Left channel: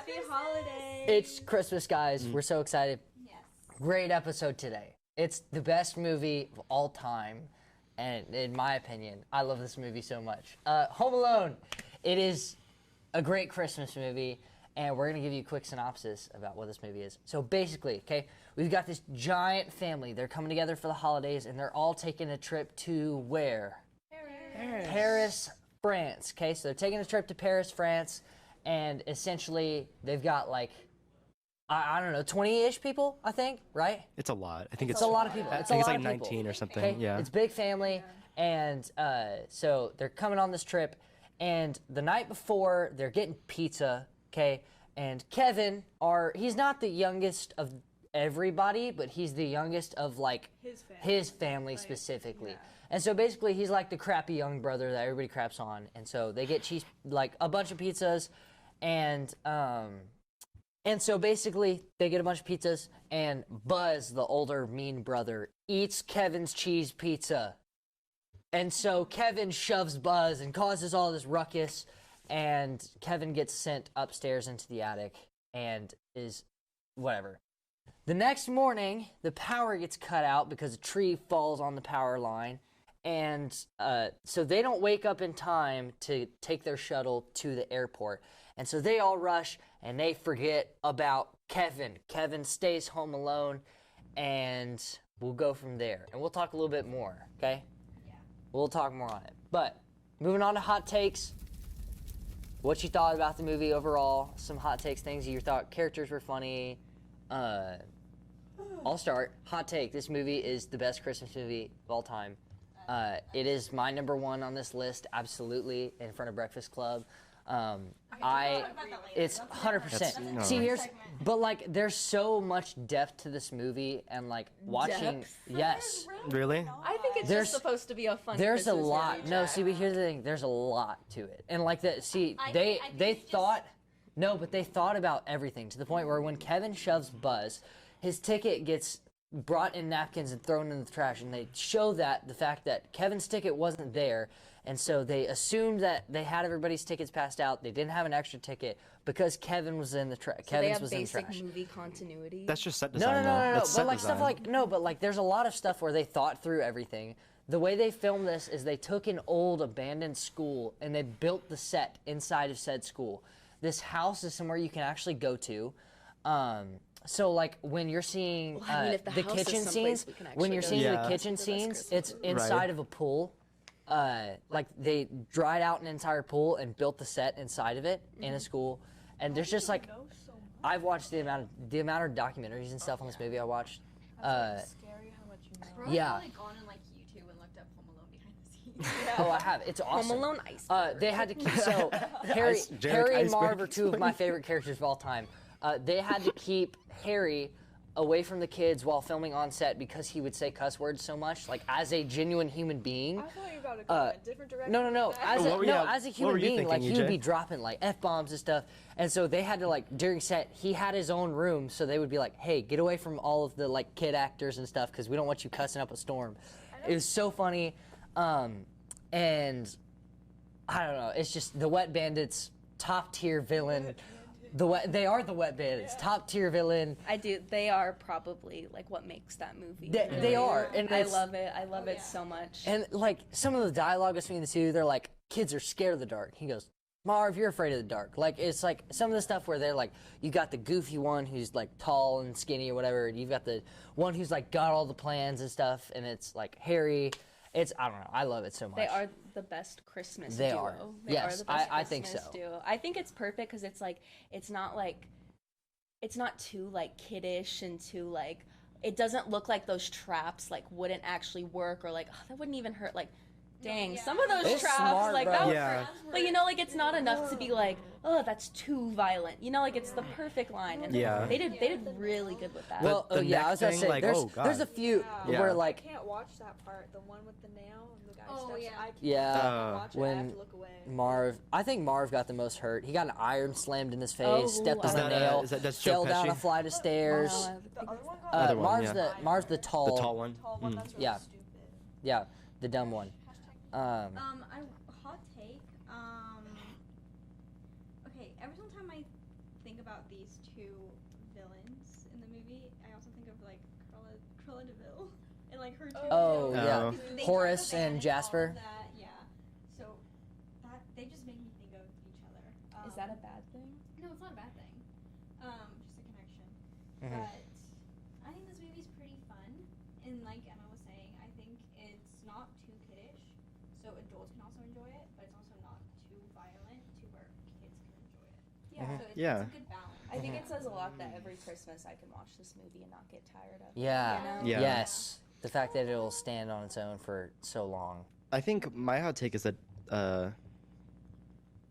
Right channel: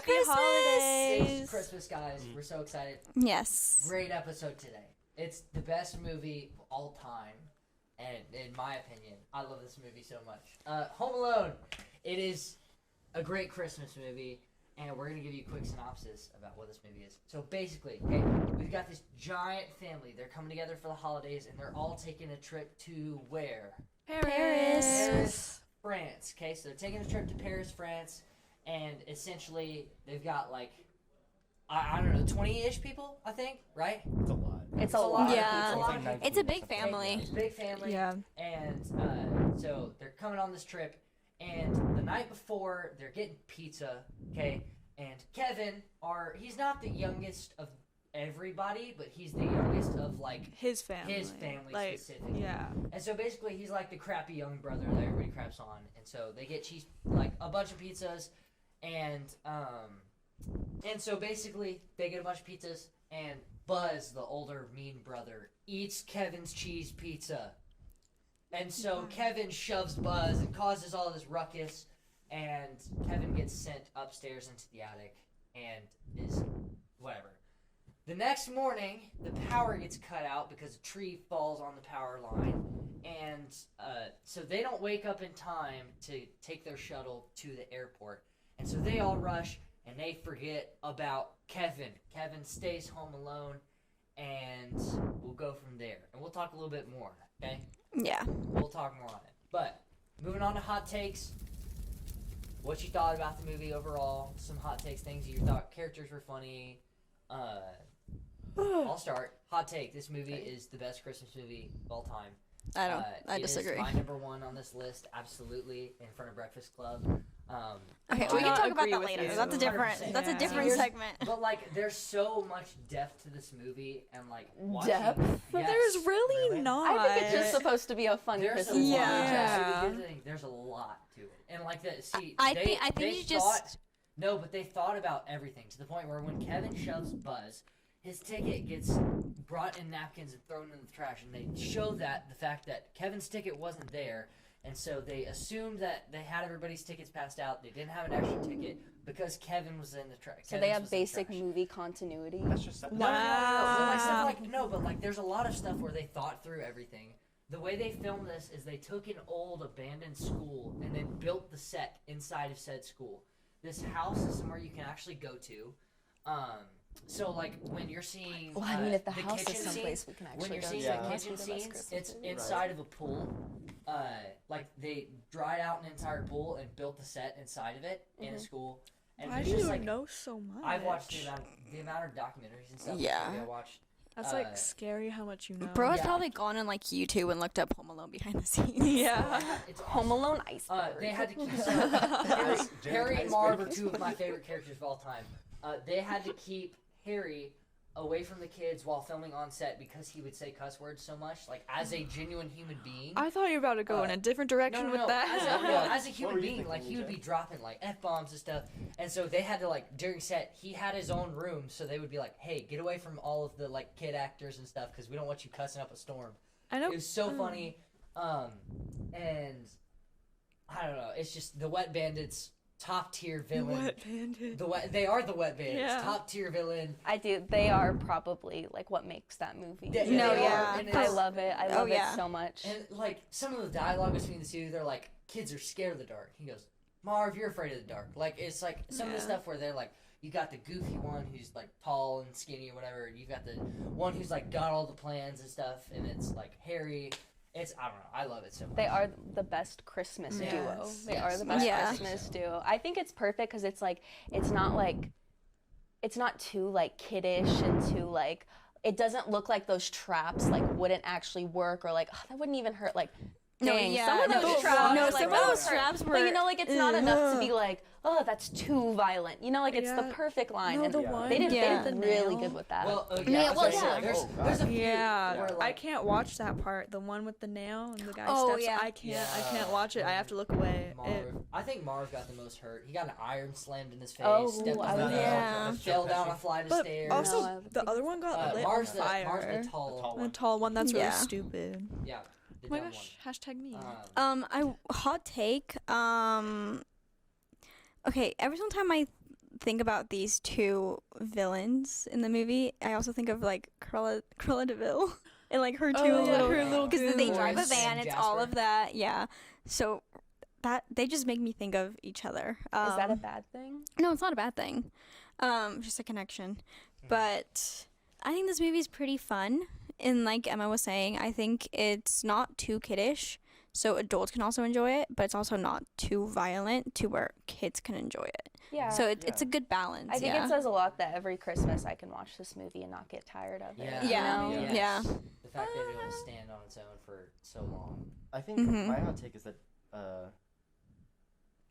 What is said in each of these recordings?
Happy holidays. It's Christmas, guys. We're so excited. Yes. Great episode today. It's the best movie of all time, and in my opinion, I love this movie so much. Home Alone. It is a great Christmas movie, and we're gonna give you a quick synopsis about what this movie is. So basically, okay, we've got this giant family. They're coming together for the holidays, and they're all taking a trip to where? Paris, France. Okay, so they're taking a trip to Paris, France, and essentially they've got like, I don't know, 20-ish people, I think, right? It's a lot. I think It's a lot. Yeah. I think it's like 19 It's a or big something. family. Yeah. It's a big family, Yeah. and so they're coming on this trip, and the night before, they're getting pizza, okay? And Kevin, he's not the youngest of everybody, but he's the youngest of, like, His family. Like, specifically. yeah. And so basically, he's like the crappy young brother that everybody craps on, and so they get like a bunch of pizzas, and so basically, they get a bunch of pizzas, and Buzz, the older mean brother, eats Kevin's cheese pizza. And so Kevin shoves Buzz and causes all this ruckus, and Kevin gets sent upstairs into the attic and is whatever. The next morning, the power gets cut out because a tree falls on the power line, and so they don't wake up in time to take their shuttle to the airport. And so they all rush, and they forget about Kevin. Kevin stays home alone, and we'll go from there. And we'll talk a little bit more, okay? Yeah. We'll talk more on it. But moving on to hot takes. What you thought about the movie overall? Some hot takes, things you thought characters were funny. I'll start. Hot take. This movie is the best Christmas movie of all time. I It disagree. is my number one on this list, absolutely, in front of Breakfast Club. Okay, we can talk about that later. It's That's a different. 100%. That's a See, different here's- segment. But like, there's so much depth to this movie, and like watching. Depth? But Yes. there's really not. I think it's There's- just supposed to be a fun There's a Christmas lot. movie. No, see, but Yeah. here's the thing. There's a lot to it, and like that. See, I they think they you thought. just- No, but they thought about everything to the point where when Kevin shoves Buzz, his ticket gets brought in napkins and thrown in the trash, and they show that the fact that Kevin's ticket wasn't there, and so they assumed that they had everybody's tickets passed out. They didn't have an extra ticket because Kevin was in the trash. So they have basic movie continuity. That's just set No, design. That's but set like stuff design. like no, but like there's a lot of stuff where they thought through everything. The way they filmed this is they took an old abandoned school and they built the set inside of said school. This house is somewhere you can actually go to. So like when you're seeing Well, I mean, if the house is kitchen someplace scenes, we can when actually you're go seeing to. the Yeah. kitchen That's the best scenes, Christmas it's movie. inside of a pool. Like they dried out an entire pool and built the set inside of it in a school. And Why there's do just you like know so much. I've watched the amount of documentaries and stuff in this Yeah. movie I watched. That's like scary how much you know. Bro has Yeah. probably gone on like YouTube and looked up Home Alone behind the scenes. Yeah. Oh, I have. It's awesome. Home Alone iceberg. They had to keep Harry, JEREC Harry and iceberg. Marv are two of my favorite characters of all time. They had to keep Harry away from the kids while filming on set because he would say cuss words so much. Like as a genuine human being. I thought you were about to go in a different direction No, with that. As What were you- as a what human were you being, like thinking, he would EJ? be dropping like f-bombs and stuff, and so they had to like during set he had his own room, so they would be like, "Hey, get away from all of the like kid actors and stuff because we don't want you cussing up a storm." I know. It was so funny, and I don't know. It's just the Wet Bandits, top tier villain. Wet Bandits. They are the Wet Bandits, Yeah. top tier villain. I do. They are probably like what makes that movie. They You know, are, and I it's- love it. I love Oh, yeah. it so much. And like some of the dialogue between the two, they're like, kids are scared of the dark. He goes, Marv, you're afraid of the dark. Like it's like some of the stuff where they're like, you got the goofy one who's like tall and skinny or whatever, and you've got the one who's like got all the plans and stuff, and it's like Harry. It's I don't know. I love it so much. They are the best Christmas They duo. are. They Yes, are the best I think Christmas so. duo. I think it's perfect because it's like it's not too like kiddish and too like it doesn't look like those traps like wouldn't actually work or like oh, that wouldn't even hurt like No, dang yeah, some of no, those it's traps not. like Some of those those traps traps but were- you know like it's not enough to be like oh that's too violent you know like it's the Yeah. perfect line No, and the Yeah. one- they did Yeah. really good with that. Well, The yeah, I nail was gonna thing, say, like, there's, oh, God. there's a few Yeah. where I like can't watch that part. The one with the nail and the guy Oh, steps. yeah. I can't. Yeah. I can't watch it. I have When to look away. Marv, I think Marv got the most hurt. He got an iron slammed in his face, Oh, stepped is on a that- nail, is that Joe fell down Pesci? a flight of But stairs. also, the other one got Other lit one, on yeah. fire. Marv's the tall, The tall The one. tall one. That's really Yeah. stupid. yeah, the Oh my dumb gosh, one. Hashtag me. Hot take. Okay, every single time I think about these two villains in the movie, I also think of like Cruella de Vil and like her two little, yeah. because they drive a Forrest van. and It's all Jasper. of that, yeah. So that they just make me think of each other. Is that a bad thing? No, it's not a bad thing. Just a connection. But I think this movie is pretty fun. And like Emma was saying, I think it's not too kiddish, so adults can also enjoy it, but it's also not too violent to where kids can enjoy it. Yeah. So it's Yeah. a good balance. I think yeah. it says a lot that every Christmas I can watch this movie and not get tired of it. Yeah. You know? Yeah. Yes. The fact that it will stand on its own for so long. I think my hot take is that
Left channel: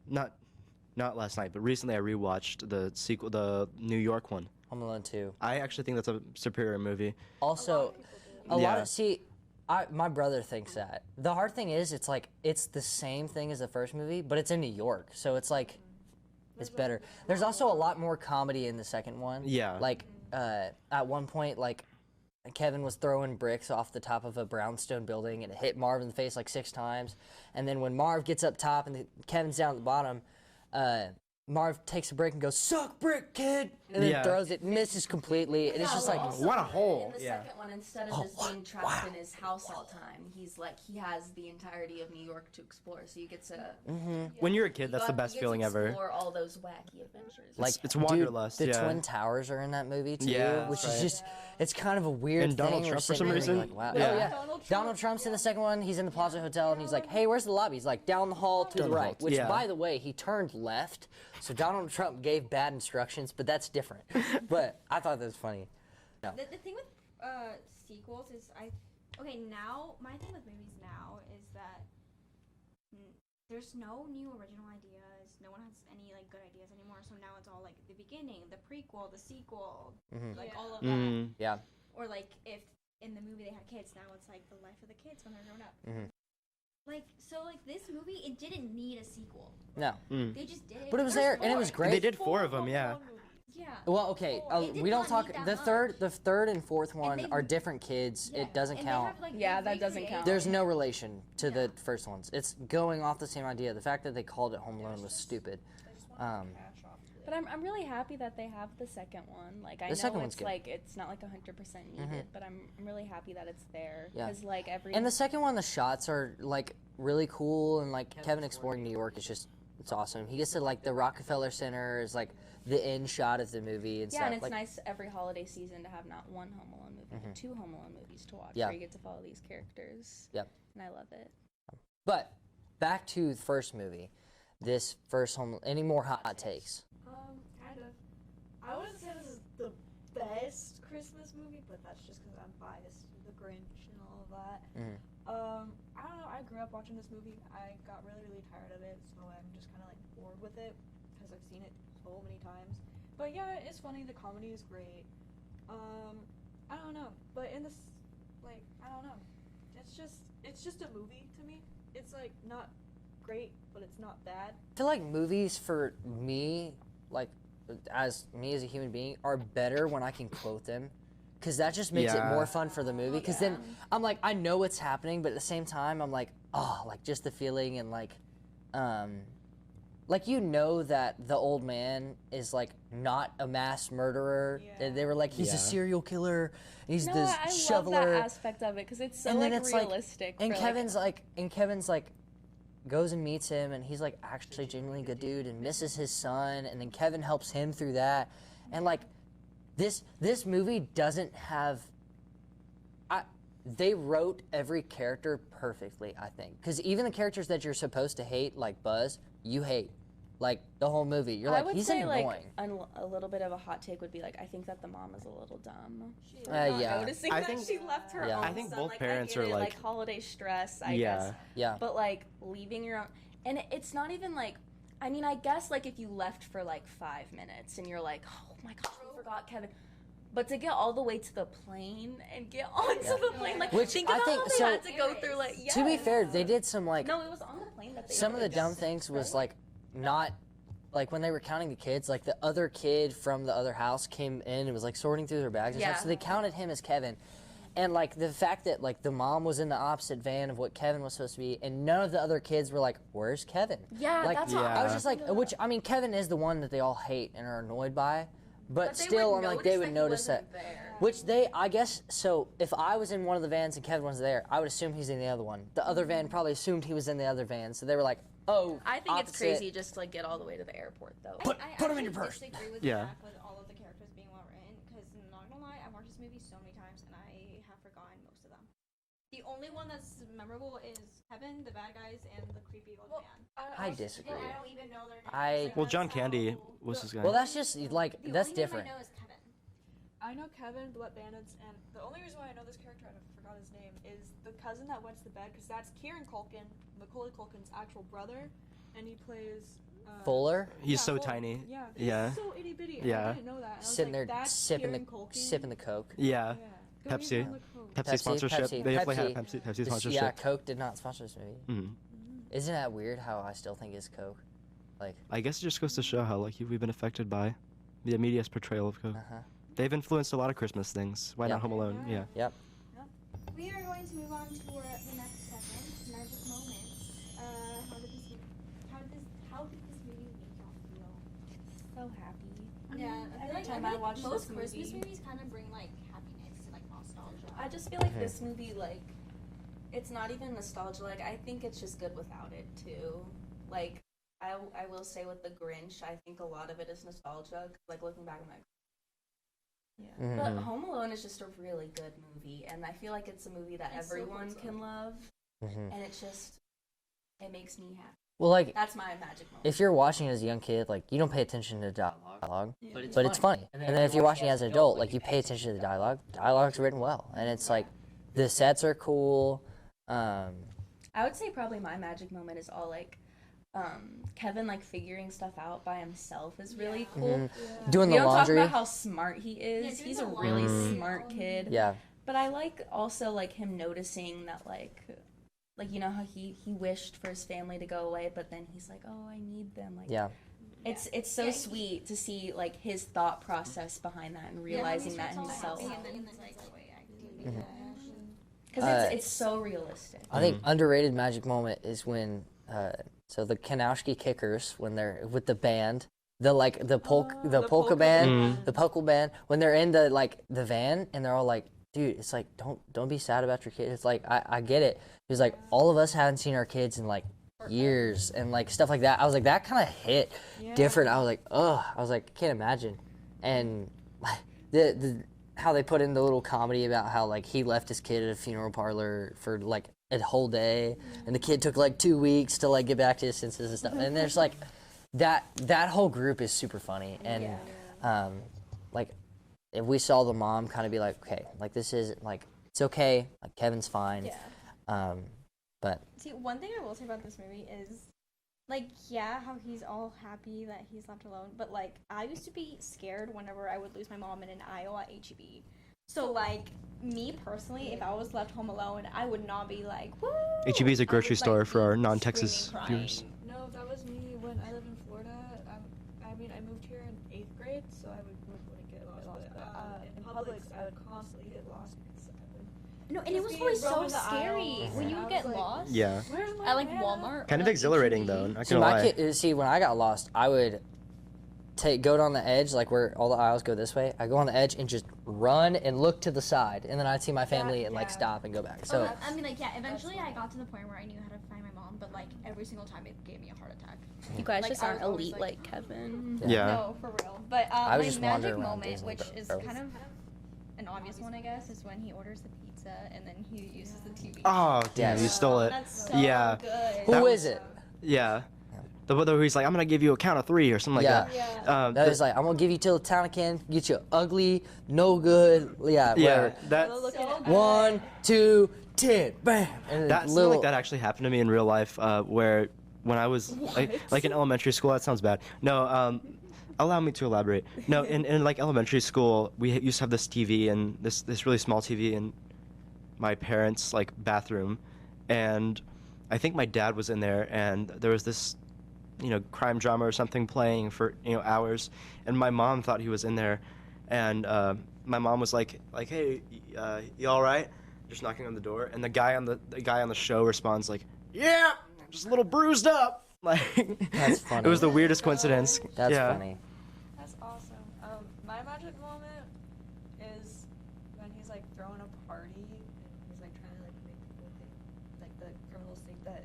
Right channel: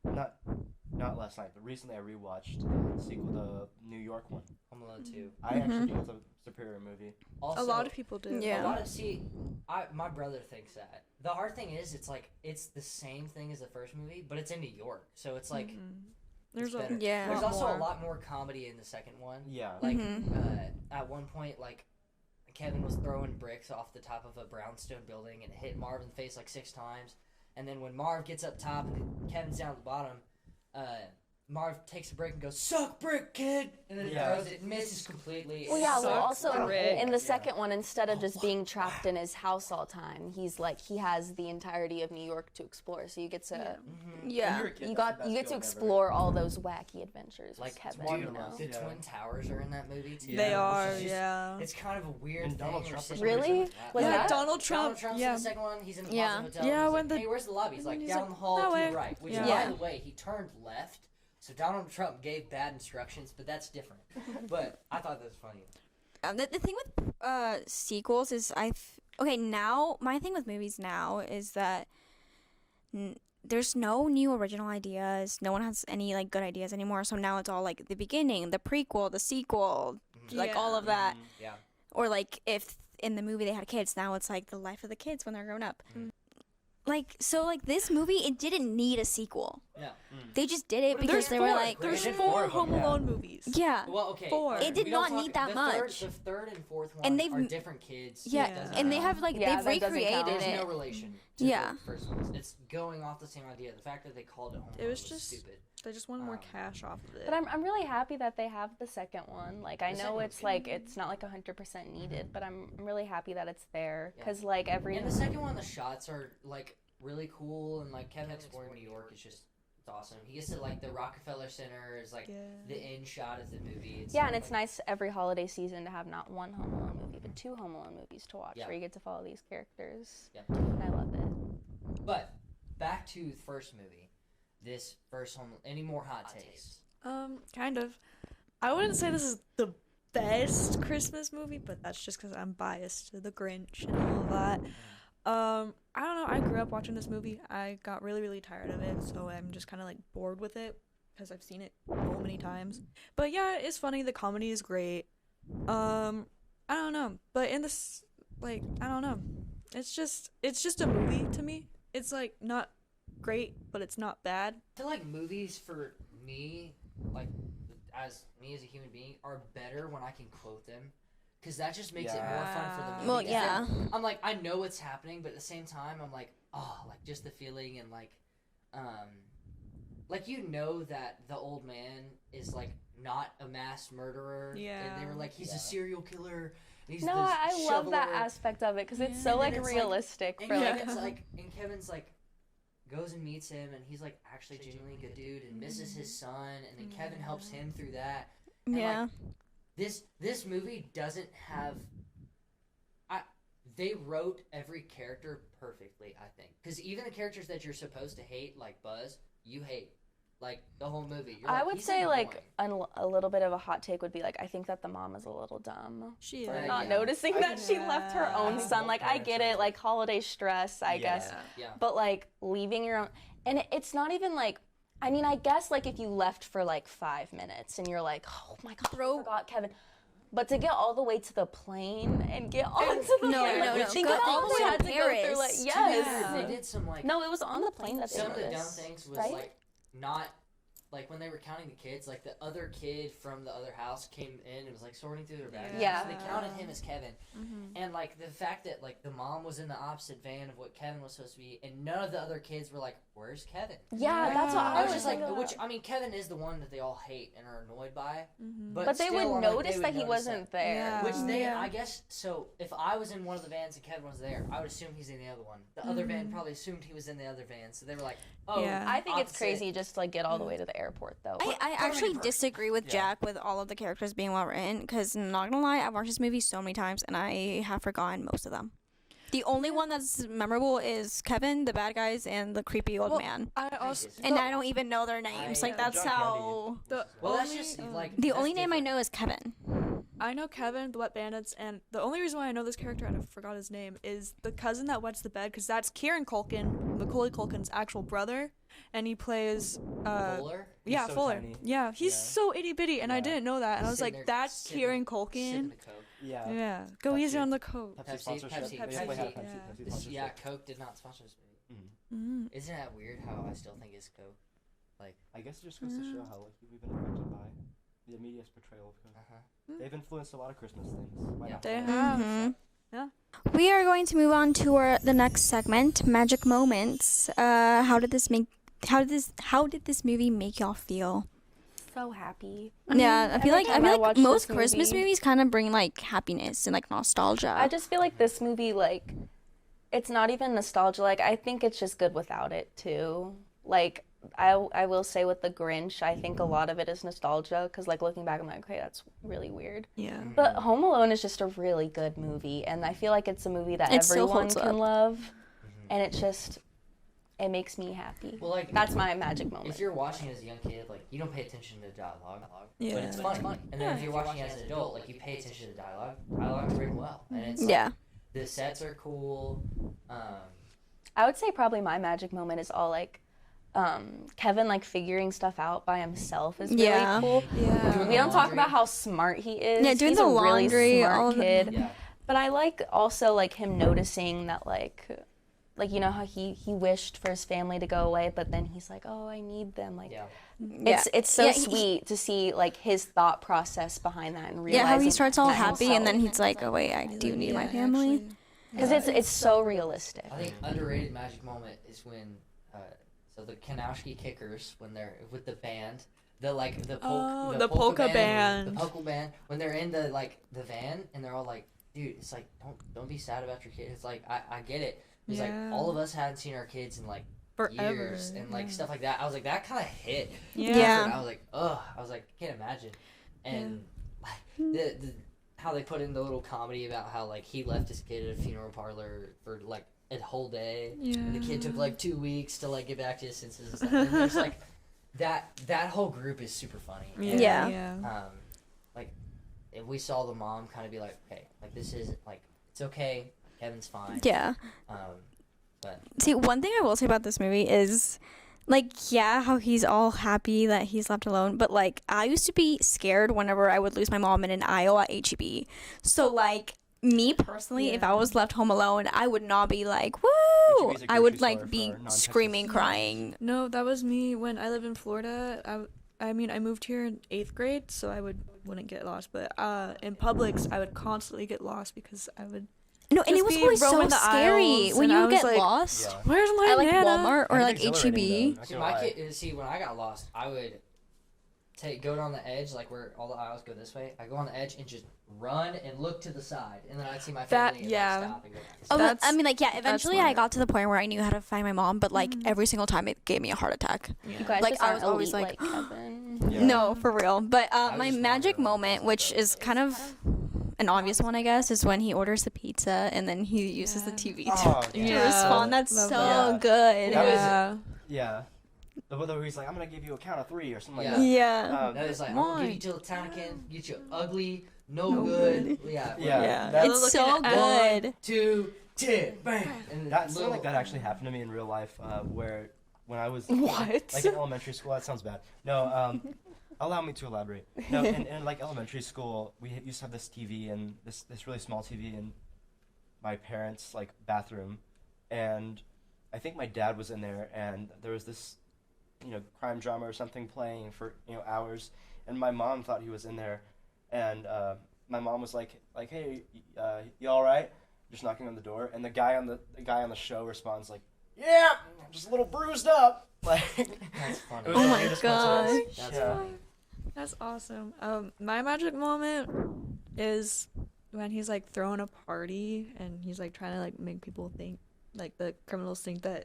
not last night, but recently I rewatched the sequel, the New York one. Home Alone 2. I actually think that's a superior movie. Also, A lot of people do. Yeah. a lot Yeah. of my brother thinks that. The hard thing is, it's like it's the same thing as the first movie, but it's in New York, so it's like it's There's better. Yeah. There's also more. a lot more comedy in the second one. Yeah. Like at one point, like Kevin was throwing bricks off the top of a brownstone building and it hit Marv in the face like 6 times, and then when Marv gets up top and Kevin's down at the bottom, Marv takes a brick and goes, "Suck brick, kid!" and then Yeah. throws it, misses completely. and it's Yeah, just well, like, also what a hole. in the Yeah. second one, instead of just being trapped in his house all the time, he's like he has the entirety of New York to explore. So you get to Yeah. When you're a kid, that's the best you get feeling to ever. explore all those wacky adventures. with Like, It's Kevin, you know? wanderlust. the Yeah. Twin Towers are in that movie too. Yeah. They Which are. Which is just, yeah. it's kind of a weird And Donald thing. Trump We're for sitting some there reason. like, wow. Was Yeah. that- Donald Trump. Donald Trump's in the second one. He's in the Yeah. Plaza Hotel. Yeah, and he's when like, the- "Hey, where's the lobby?" He's like, he's "Down like, the hall "That to the way." right." Which, Yeah. by the way, he turned left. So Donald Trump gave bad instructions, but that's different. But I thought that was funny. The thing with sequels is okay, now my thing with movies now is that there's no new original ideas. No one has any like good ideas anymore. So now it's all like the beginning, the prequel, the sequel, like all of that. Yeah. Or like if in the movie they had kids, now it's like the life of the kids when they're grown up. Like so, like this movie, it didn't need a sequel. No. They just did it But it because was they there, were and it was like, great. They did 4 of them, Home yeah. Alone movies. yeah. Well, okay. 4. It did we don't not talk, need that the much. The third and fourth one they've- are different kids. Yeah, It doesn't and count. they have like Yeah, they've that doesn't recreated count. There's it. no relation to Yeah. the first ones. It's going off the same idea. The fact that they called it Home Alone was was just- stupid. They just wanted more cash off of it. But I'm really happy that they have the second one. Like I The second know one's it's good. like it's not like 100% needed, but I'm really happy that it's there Yeah. because like every And the second one, the shots are like really cool, and like Kevin exploring New York is just it's awesome. He gets to like the Rockefeller Center is like the end shot of the movie. yeah, and it's like, nice every holiday season to have not one Home Alone movie, but 2 Home Alone movies to watch Yeah. where you get to follow these characters. Yep. And I love it. But back to the first movie. This first Home. Any more hot takes? Kind of. I wouldn't say this is the best Christmas movie, but that's just because I'm biased to The Grinch and all of that. I don't know. I grew up watching this movie. I got really, really tired of it, so I'm just kind of like bored with it because I've seen it so many times. But yeah, it's funny. The comedy is great. I don't know. But in this, like, I don't know. It's just a movie to me. It's like not great, but it's not bad. I feel like movies for me, like as me as a human being, are better when I can quote them, because that just makes it more fun for the movie. Well, 'Cause yeah. then I'm like, I know what's happening, but at the same time, I'm like, oh, like just the feeling and like you know that the old man is like not a mass murderer. They were like, he's Yeah. a serial killer. He's No, the I love shoveler. that aspect of it because it's so And then like it's, like- realistic. And for, Kevin's like goes and meets him, and he's like actually genuinely good dude and misses his son, and then Kevin helps him through that. And like Yeah. this movie doesn't have they wrote every character perfectly, I think, because even the characters that you're supposed to hate, like Buzz, you hate like the whole movie. You're I like, would he's say annoying. like a little bit of a hot take would be like I think that the mom is a little dumb. She is. For not yeah. noticing I that think- she left her Yeah. I own think son. both Like I parents get are, it, like- like holiday stress, I guess. Yeah. But like leaving your own, and it's not even like. I mean, I guess like if you left for like 5 minutes and you're like, oh my god, I forgot Kevin. But to get all the way to the plane and get onto the No, plane, no, like no. think I of all think we so. had to go through. Like Paris. yes. To be fair, they did some like No, it was on the plane that they some of the were dumb in, things was right? like not like when they were counting the kids, like the other kid from the other house came in and was like sorting through their bags and stuff, Yeah. so they counted him as Kevin. And like the fact that like the mom was in the opposite van of what Kevin was supposed to be, and none of the other kids were like, "Where's Kevin?" Yeah, Like, that's what I was just like, which I mean, Kevin is the one that they all hate and are annoyed by, but they still, would I'm like, they notice would that he notice wasn't that. there. Yeah. Which they, I guess, so if I was in one of the vans and Kevin was there, I would assume he's in the other one. The other van probably assumed he was in the other van, so they were like, "Oh, Yeah. I think it's opposite." crazy just to like get all the way to the airport though. I actually disagree with Jack with all of the characters being well written because, not gonna lie, I've watched this movie so many times and I have forgotten most of them. The only one that's memorable is Kevin, the bad guys, and the creepy old man. I also, disagree. And I don't even know their names. Like, Well, that's John how. Candy was his guy. Well, that's just like The that's only name I different. know is Kevin. I know Kevin, the Wet Bandits, and the only reason why I know this character, and I forgot his name, is the cousin that wets the bed, because that's Kieran Culkin, Macaulay Culkin's actual brother, and he plays Fuller. He's yeah, so Fuller. tiny. Yeah, he's Yeah. so itty bitty, and I Yeah. didn't know that, and I was Sitting like, there that's sipping Kieran the- Culkin. Sipping the Coke. Yeah. Yeah, go easy Pepsi. on the Coke. Pepsi sponsorship. Pepsi. They definitely had Pepsi. Pepsi, Yeah. Pepsi sponsorship. Yeah, Coke did not sponsor this movie. Mhm. Isn't that weird how I still think it's Coke? Like, I guess it just goes to show how lucky we've been affected by the media's portrayal of Coke. uh-huh. They've influenced a lot of Christmas things. Why not Yep. Home They Alone? have. Yep. We are going to move on to the next segment, magic moments. How did this this movie make y'all feel? So happy. Yeah, I feel every like time I watch this most Christmas movie- movies kind of bring like happiness and like nostalgia. I just feel like this movie, like, it's not even nostalgia. Like, I think it's just good without it, too. Like, I will say with The Grinch, I think a lot of it is nostalgia, because, like, looking back, I'm like, okay, that's really weird. Yeah. But Home Alone is just a really good movie, and I feel like it's a movie that It still everyone holds can up. love, and it makes me happy. Well, like, That's my magic moment. if you're watching it as a young kid, like, you don't pay attention to dialogue, Yeah. but it's funny. And then if you're watching it as an adult, like, you pay attention to the dialogue. Dialogue's written well, and it's Yeah. like the sets are cool. I would say probably my magic moment is all like Kevin like figuring stuff out by himself is really Yeah. cool. Yeah. Doing We the don't talk laundry. about how smart he is. Yeah, doing He's the a really laundry, all smart of the- kid. Yeah. But I like also like him noticing that like you know how he wished for his family to go away, but then he's like, oh, I need them. Like, Yeah. it's so Yeah, sweet to see like his thought process behind that and realizing Yeah, how he starts that all in happy and then himself. he's like, oh wait, I do need my Yeah, family. actually. Because it's so realistic. I think underrated magic moment is when so the Kanowski Kickers, when they're with the band, the polka the polka band. the polka band, when they're in the van and they're all like, dude, it's like don't be sad about your kids. It's like I get it. It's like Yeah. all of us hadn't seen our kids in like years and like stuff like that. I was like that kind of hit different. I was like, ugh. I was like, can't imagine. And the how they put in the little comedy about how like he left his kid at a funeral parlor for like a whole day, and the kid took like 2 weeks to like get back to his senses and stuff. And there's like that whole group is super funny. And, Yeah. like if we saw the mom kind of be like, okay, like this isn't like it's okay, like Kevin's fine. Yeah. But See, one thing I will say about this movie is, like, yeah, how he's all happy that he's left alone, but, like, I used to be scared whenever I would lose my mom in an aisle at HEB. So, like, me personally, if I was left home alone, I would not be like, woo! HEB is a I grocery would, store like, for be our non-Texas screaming, viewers. crying. No, that was me when I lived in Florida. I mean, I moved here in 8th grade, so I wouldn't get lost. But in Publix, I would constantly get lost because I would. No, and it Just was be always so roaming the scary aisles, when and I you was get like, lost. Yeah. Where's my At, like, Nana? Walmart or, Kind of like, exhilarating, though, HEB. not see, gonna my lie. kid, see, when I got lost, I would go down the edge, like where all the aisles go this way. I go on the edge and just run and look to the side, and then I'd see my family and like yeah. stop and go back. Oh, So but, I mean, like, yeah, eventually I smart. got to the point where I knew how to find my mom, but, like, every single time it gave me a heart attack. You guys Like, just I aren't was always elite like, Kevin. Yeah. No, for real. But I was my just magic wandering around moment, Disney which is World. kind of an obvious one, I guess, is when he orders the pizza and then he uses the TV. Oh, to yeah. turn it so- on. That's so Yeah. good. Who is it? Yeah. Yeah. The one where he's like, I'm gonna give you a count of 3 or something like Yeah. that. Yeah. That was like, I'm gonna give you till the town can get you ugly, no good. Yeah, whatever. Yeah. That, It's so One, good. 2, 10, bam. And that little, like that actually happened to me in real life, where when I was like in elementary school. That sounds bad. No, allow me to elaborate. No, in like elementary school, we used to have this TV and this really small TV in my parents' like bathroom, and I think my dad was in there, and there was this, crime drama or something playing for hours, and my mom thought he was in there, and my mom was like, hey, you all right? Just knocking on the door, and the guy on the show responds like, yeah, just a little bruised up. Like, That's funny. it was Oh the my weirdest coincidence. gosh. That's yeah. funny. That's awesome. My magic moment is when he's like throwing a party and he's like trying to like make people think, like the criminals think that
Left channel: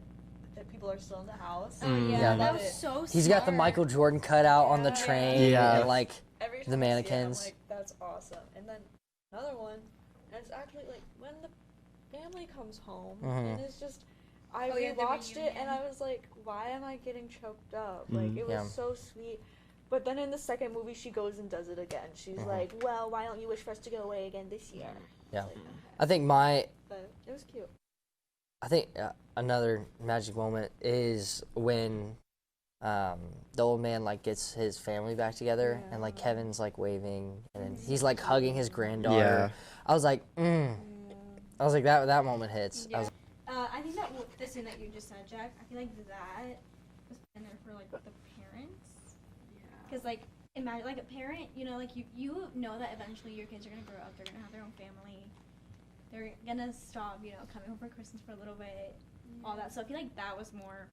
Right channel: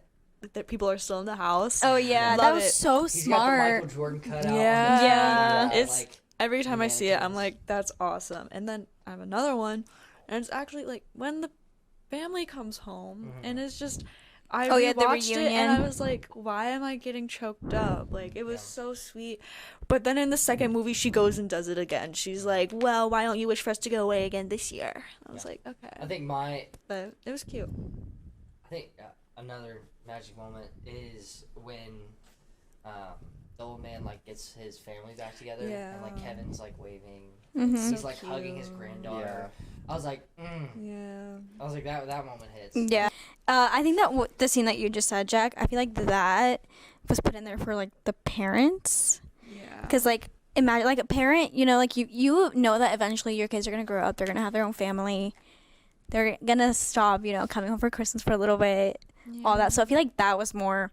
people are still in the house. Oh yeah, Love that was it. so He's smart. got the Michael Jordan cutout on the Yeah. train. Yeah. It's- Like Every time I see it, I'm mannequins. like, that's awesome. And then I have another one, and it's actually like when the family comes home, and it's just, I Oh, yeah, the rewatched it, and I reunion. was like, why am I getting choked up? Like, it was Yeah. so sweet. But then in the second movie, she goes and does it again. She's like, well, why don't you wish for us to go away again this year? I was Yeah. like, okay. I think But it was cute. another magic moment is when the old man like gets his family back together and like Yeah. Kevin's like waving and he's like hugging his granddaughter. Yeah. I was like, Yeah. I was like that moment hits. Yeah. I think that the scene that you just said, Jack, I feel like that was put in there for like the parents, Yeah. because like imagine like a parent, you know, like you know that eventually your kids are gonna grow up, they're gonna have their own family, they're gonna stop, you know, coming home for Christmas for a little bit, all that. So I feel like that was more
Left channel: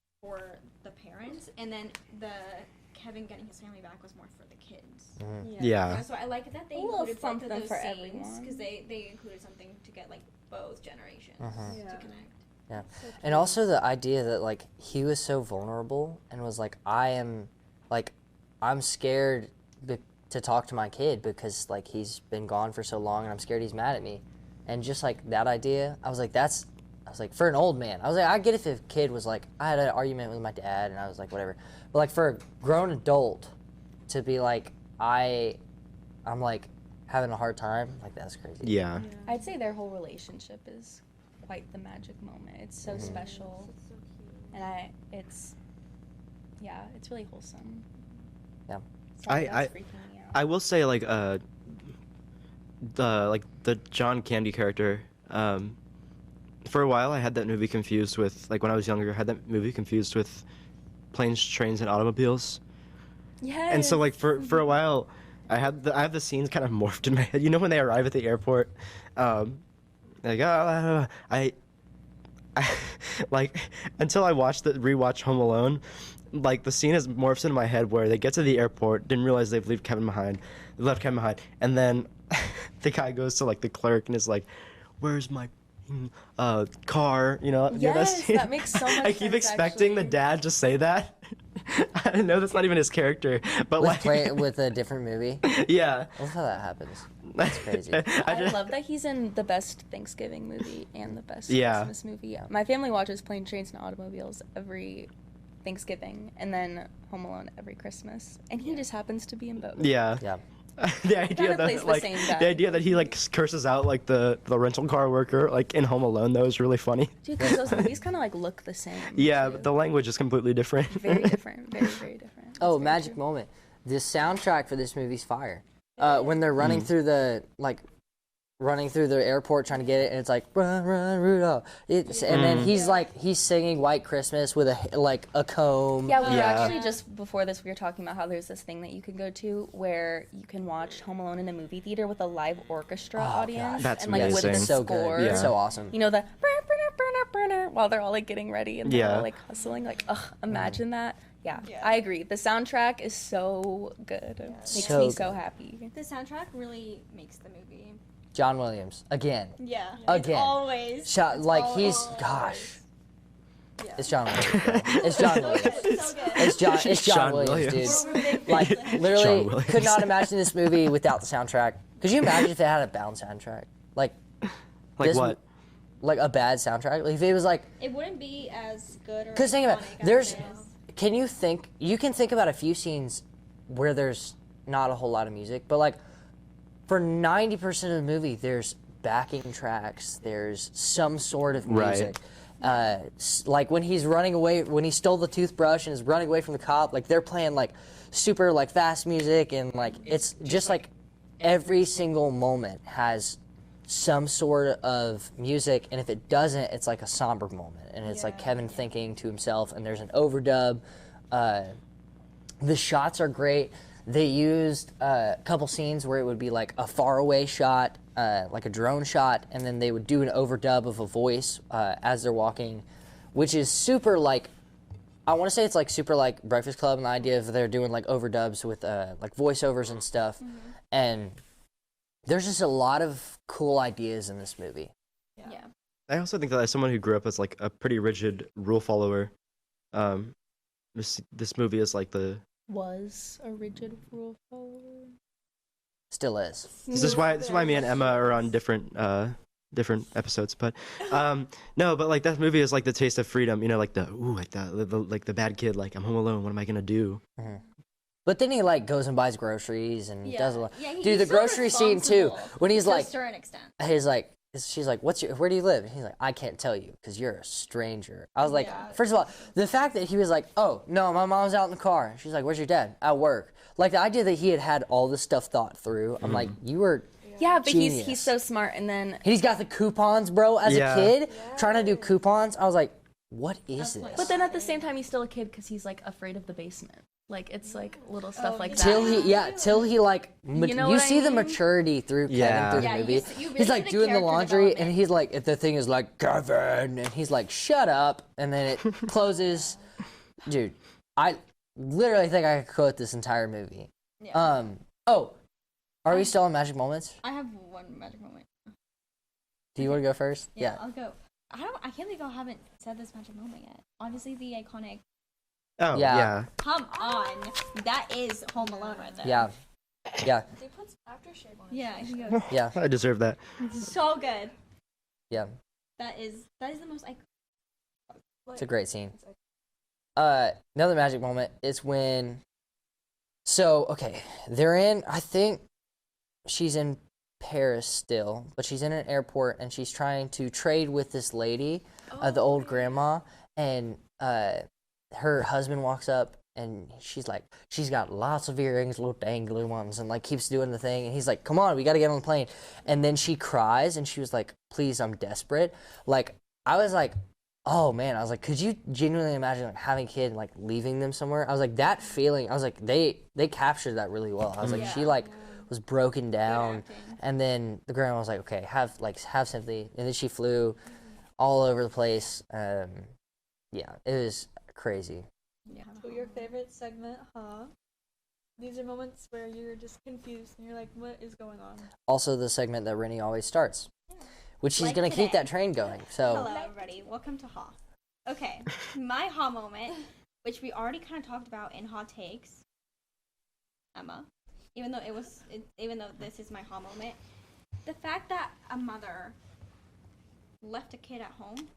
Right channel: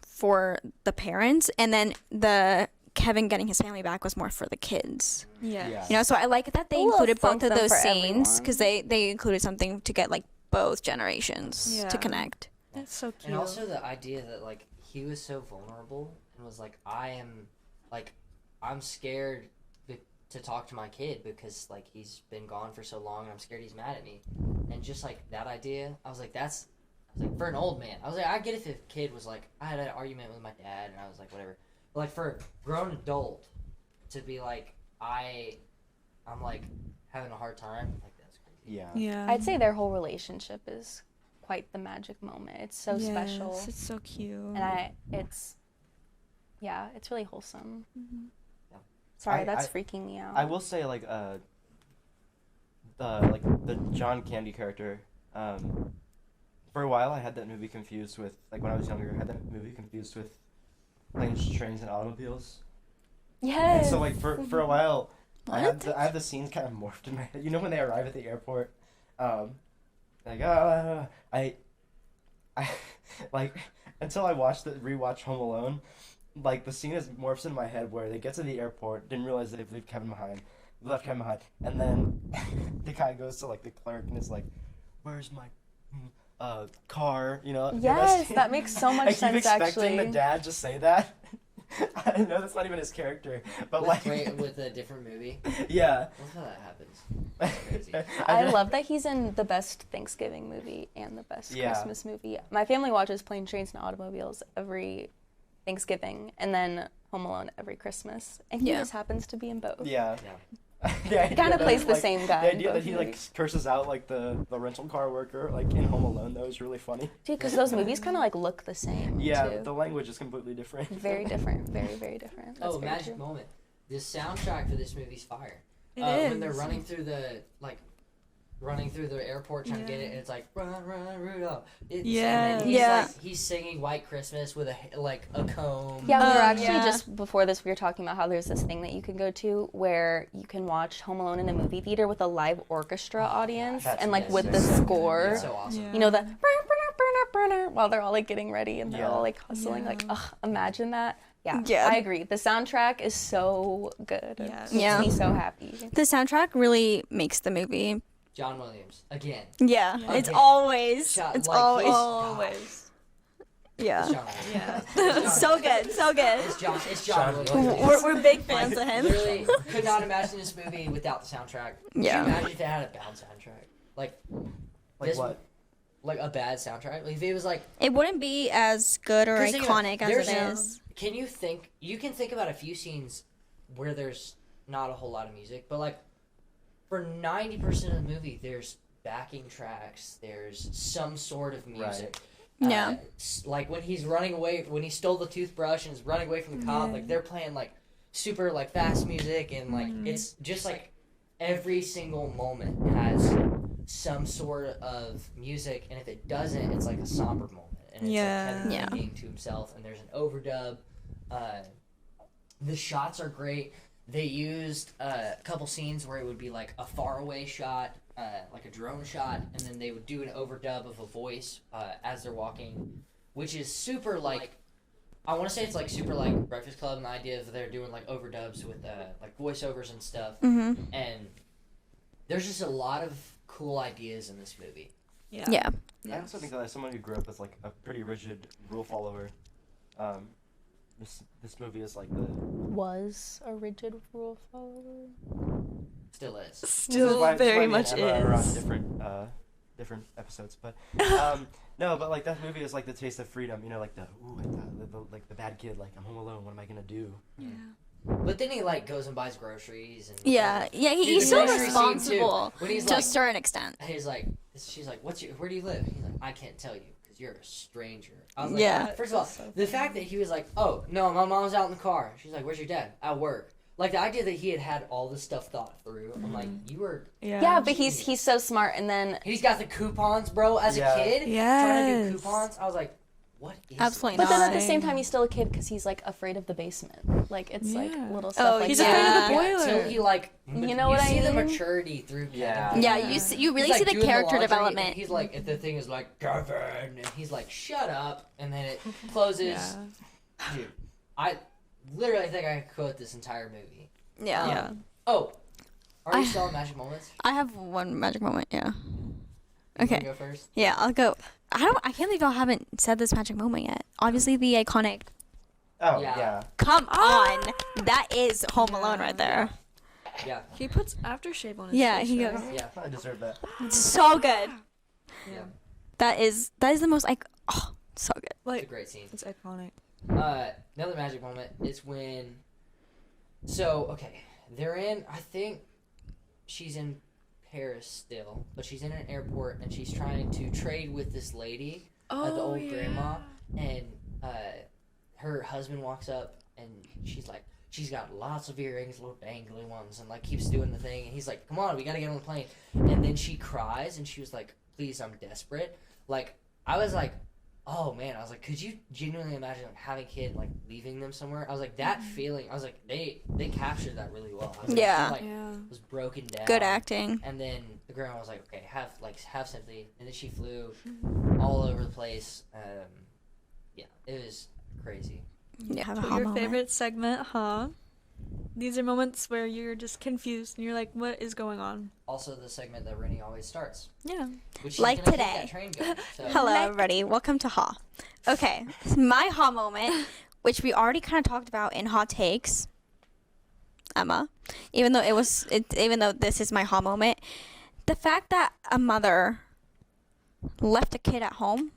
for the parents, and then the Kevin getting his family back was more for the kids. Yeah. Yeah. You know, so I like that they A little included both of something those for scenes, everyone. because they included something to get like both generations Yeah. to connect. Yeah. That's so cute. And also the idea that like he was so vulnerable and was like, I'm scared to talk to my kid because like he's been gone for so long and I'm scared he's mad at me. And just like that idea, I was like, for an old man, I was like, I get if a kid was like, I had an argument with my dad and I was like, whatever. But like for a grown adult to be like, I'm like having a hard time, like that's crazy. Yeah. Yeah. I'd say their whole relationship is quite the magic moment. It's so Yes, special, It's so cute. and it's really wholesome. Yeah. Sorry, that's freaking me out. I will say like the John Candy character. For a while, I had that movie confused with like when I was younger. I had that movie confused with Planes, Trains, and Automobiles. Yes. And so like for a while, I have the scenes kind of morphed in my head. You know when they arrive at the airport, like I like until I rewatched Home Alone, like the scene is morphs in my head where they get to the airport, didn't realize they've left Kevin behind, and then the guy goes to like the clerk and is like, "Where's my car?" You know. Yes, that makes so much I keep sense, expecting the actually. dad to say that. I know that's not even his character, but With a different movie. yeah. I love how that happens. That's crazy. I love that he's in the best Thanksgiving movie and the best Yeah. Christmas movie. My family watches Plane, Trains, and Automobiles every Thanksgiving, and then Home Alone every Christmas, and he Yeah. just happens to be in both. Yeah. Yeah. The idea kinda that, plays the like, same guy The in idea both that he like movies. curses out like the rental car worker like in Home Alone, that was really funny. Dude, 'cause those movies kind of like look the same. Yeah, too. but the language is completely different. Very different. Very, very different. Oh, That's very magic true. moment. The soundtrack for this movie's fire. It When they're is. running through the airport trying to get it, and it's like run, run, Rudolph. And then Yeah. he's singing White Christmas with a comb. Yeah, we were Yeah. actually Yeah. just before this, we were talking about how there's this thing that you can go to where you can watch Home Alone in a movie theater with a live orchestra audience That's and like with the amazing. so good. score. It's so awesome. You know the while they're all like getting ready and they're Yeah. all like hustling. Like, ugh, imagine that. Yeah, Yeah. I agree. The soundtrack is so good. Yes. It makes Yeah. me so happy. The soundtrack really makes the movie. John Williams again. Yeah, it's Again. always. Shot, it's like always. he's gosh. Yeah. It's John Williams. It's John So Williams. good, so good. It's John John Williams. Williams. dude. We're big fans Like of him. literally John could not imagine this movie without the soundtrack. Could you Yeah. imagine if it had a bad soundtrack? Like Like this- what? like a bad soundtrack? Like if it was like It wouldn't be as good or 'cause think about iconic it, as there's- it is. Can you think about a few scenes where there's not a whole lot of music, but like for 90% of the movie there's backing tracks, there's some sort of Right. music. Yeah. Like when he's running away, when he stole the toothbrush and is running away from the cop, like they're playing like super like fast music and like it's just like every single moment has some sort of music, and if it doesn't, it's like a somber moment, and it's like Yeah. Kevin Yeah. thinking to himself, and there's an overdub. The shots are great. they used a couple scenes where it would be like a faraway shot, like a drone shot, and then they would do an overdub of a voice as they're walking, which is super like, I want to say it's like super like Breakfast Club, and the idea of they're doing like overdubs with like voiceovers and stuff, and there's just a lot of cool ideas in this movie. Yeah. I also think that as someone who grew up as like a pretty rigid rule follower, this movie is like the. Was a rigid rule follower. Still is. This is why very me and much Emma are on is. different episodes, but no, but like that movie is like the taste of freedom, you know, like the the bad kid, like I'm home alone, what am I gonna do? But then he like goes and buys groceries and Yeah. does, Yeah. dude, He's the so grocery scene too responsible when he's to like a certain extent. he's like she's like where do you live? And he's like I can't tell you because you're a stranger. I was like Yeah. first of all the fact that he was like oh no my mom's out in the car. She's like where's your dad? At work. Like the idea that he had all this stuff thought through. I'm like you were Yeah, but Genius. he's so smart, and then and he's got the coupons, bro. As Yeah. a kid trying to do Yes. coupons, I was like what is Absolutely this? but then at the same time he's still a kid because he's like afraid of the basement. Like it's like little stuff like he's that. afraid of the Yeah, boiler. till he like You know what I see the mean? maturity through Yeah. Kevin. Yeah. through that. You really He's see like the doing character laundry, development. and he's like, if the thing is like Kevin, and he's like, shut up, and then it closes. Dude, I literally think I could quote this entire movie. Yeah. Oh, are you still on magic moments? I have one magic moment. Yeah. Do you want Okay. to go first? Yeah. I'll go. I can't believe I haven't said this magic moment yet. Obviously, the iconic. Oh Yeah. yeah. Come on, that is Home Alone right there. Yeah. Yeah. He puts aftershave on his Yeah, face. he right? goes. Yeah. I deserve that. So good. Yeah. That is the most so good. Like, It's a great scene. it's iconic. Another magic moment is when. So okay, they're in. I think she's in Paris still, but she's in an airport and she's trying to trade with this lady, the old grandma, and her husband walks up and she's like, she's got lots of earrings, little dangly ones, and like keeps doing the thing, and he's like, come on, we got to get on the plane, and then she cries and she was like, please, I'm desperate. Like I was like, oh man, I was like, could you genuinely imagine like having a kid and like leaving them somewhere? I was like, that feeling, I was like, they captured that really well. I was like, Yeah. she like was broken down. Good acting. And then the grandma was like, okay, have sympathy. And then she flew all over the place. Yeah, it was crazy. Yeah. Have a But hot your moment. favorite segment, huh? These are moments where you're just confused and you're like, what is going on? Also, the segment that Rennie always starts, Yeah. which she's Like gonna keep today. that train going. So Hello, everybody. Welcome to Ha. Okay, my Ha moment, which we already kind of talked about in Hot Takes, Emma. Even though this is my Ha moment, the fact that a mother left a kid at home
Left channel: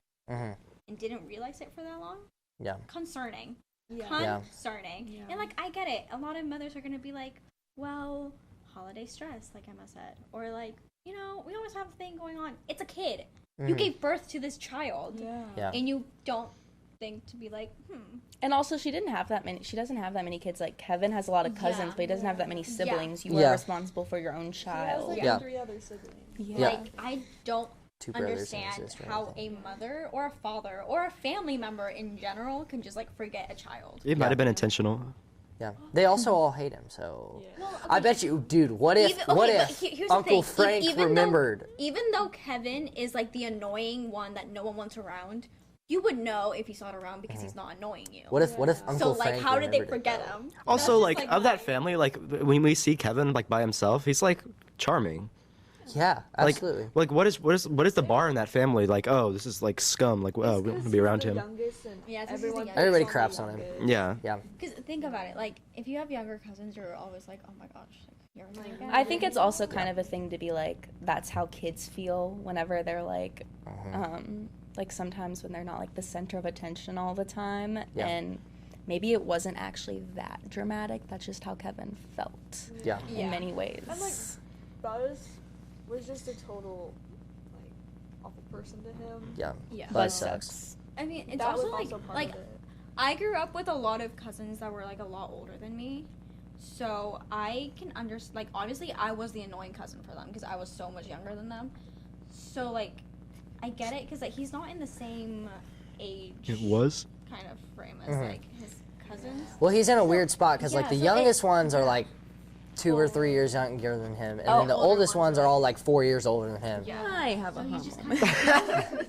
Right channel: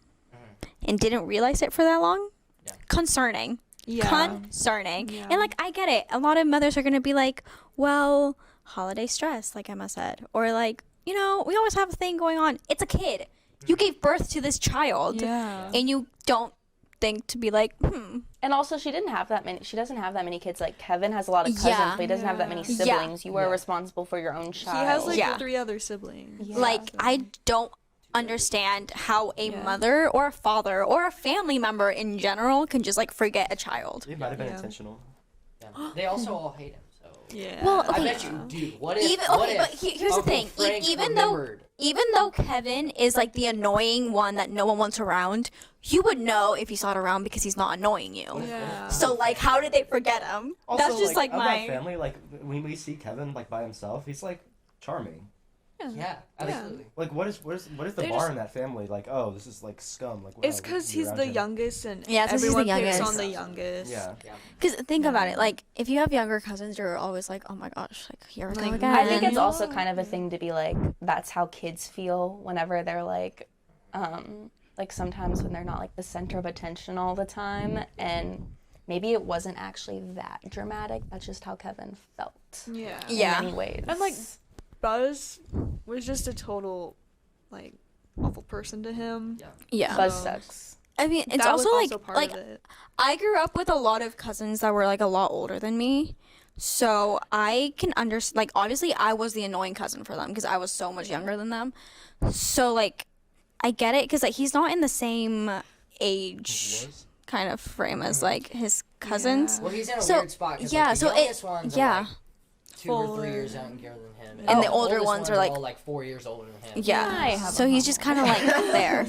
and didn't realize it for that long, yeah, concerning. Yeah. Concerning. Yeah. And like I get it. A lot of mothers are gonna be like, well, holiday stress, like Emma said, or like, you know, we always have a thing going on. It's a kid. You gave birth to this child, Yeah. and you don't think to be like, And also, she doesn't have that many kids. Like Kevin has a lot of cousins, Yeah. but he doesn't have that many Yeah. siblings. You were Yeah. responsible for your own child. He has like Yeah. 3 other siblings. like I don't Two brothers and a understand sister. how a mother or a father or a family member in general can just like forget a child. It might have been intentional. yeah. They also all hate him. So Yeah. Well, I bet you, dude. What if? Even- what okay, but if here's the Uncle thing, Frank even though- remembered? Even though Kevin is like the annoying one that no one wants around, you would know if you saw it around because he's not annoying you. What if? What if? Yeah. Uncle So like, Frank how did they remembered it? forget him? Also, That's just, like, of my- that family, like when we see Kevin like by himself, he's like charming. Yeah, Like, absolutely. like what is the They bar just- in that family? Like, oh, this is like scum. Like, It's we because be he's around the him. youngest and Yeah, it's 'cause he's the everyone youngest. thinks on the Everybody craps on him. youngest. Yeah. Yeah. Because think about it, like if you have younger cousins, you're always like, oh my gosh, like here we go Like, again. I think it's also kind of a thing to be like, that's how kids feel whenever they're like, like sometimes when they're not like the center of attention all the time, Yeah. and maybe it wasn't actually that dramatic. That's just how Kevin felt. Yeah. Yeah. In many ways. And like Buzz was just a total like awful person to him. Yeah. yeah. Buzz So- sucks. I mean, it's That was also also part like of it. I grew up with a lot of cousins that were like a lot older than me. So I can understand, like, obviously I was the annoying cousin for them because I was so much younger than them. So, like, I get it because, like, he's not in the same age. It was. kind of frame as like his cousins. Well, he's in a So- weird spot because yeah, like the so it- youngest ones are yeah. like 2 or 3 years younger than him, and, And the the older oldest ones ones are, are like- all like 4 years older than him. Yeah. I have So a he's just kind of like there.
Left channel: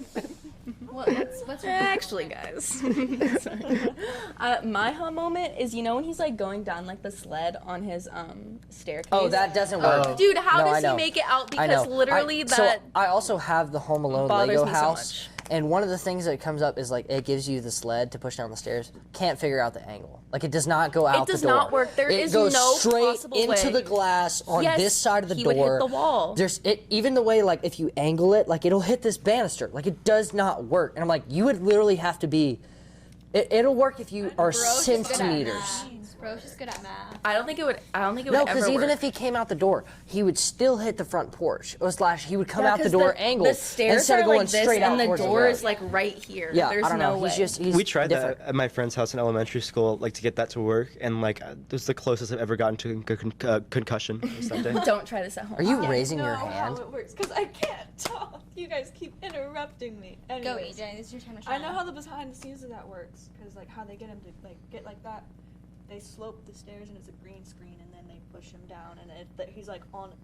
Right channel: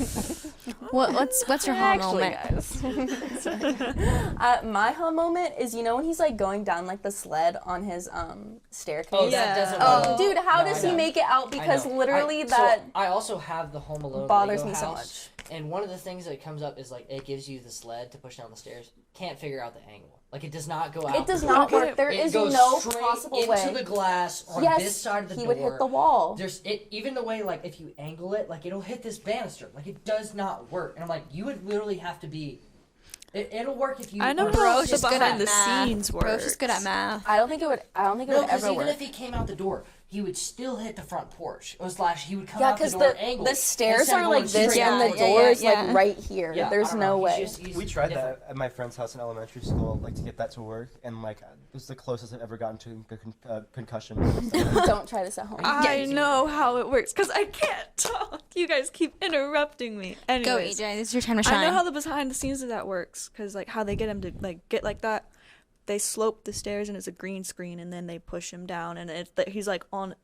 What's your home Actually, moment? guys, my home moment is when he's like going down like the sled on his staircase. Oh, that doesn't work. Dude, how No, does I he know. make it out? I Because know. literally So that I also have the Home Alone bothers Lego me so house, much. and one of the things that comes up is like it gives you the sled to push down the stairs. Can't figure out the angle. Like it does not go out. it does the door. not work. There It is goes no straight possible into way. the glass on Yes, this side of the he door. would hit the wall. There's even the way like if you angle it, like it'll hit this banister. Like it does not work. And I'm like, you would literally have to be. It'll work if you I know are how Bro's just behind good at the math. scenes Bro's works. just good at math. I don't think it would. I don't think it No, would because ever even work. if he came out the door, he would still hit the front porch. Or slash, he would come Yeah, out the 'cause door angled. The stairs instead are of going like this, straight out and the towards door the is yeah. like right here. Yeah, There's I don't no know. way. He's We tried different. that at my friend's house in elementary school, like to get that to work, and like it was the closest I've ever gotten to concussion. Don't try this at home. Are you I raising your know how hand? it works because I can't talk. You guys keep interrupting me. Go, Anyways, EJ. It's your time to I shine. know how the behind the scenes of that works because like how they get him to like get like that. They slope the stairs and it's a green screen, and then they push him down, and he's like on,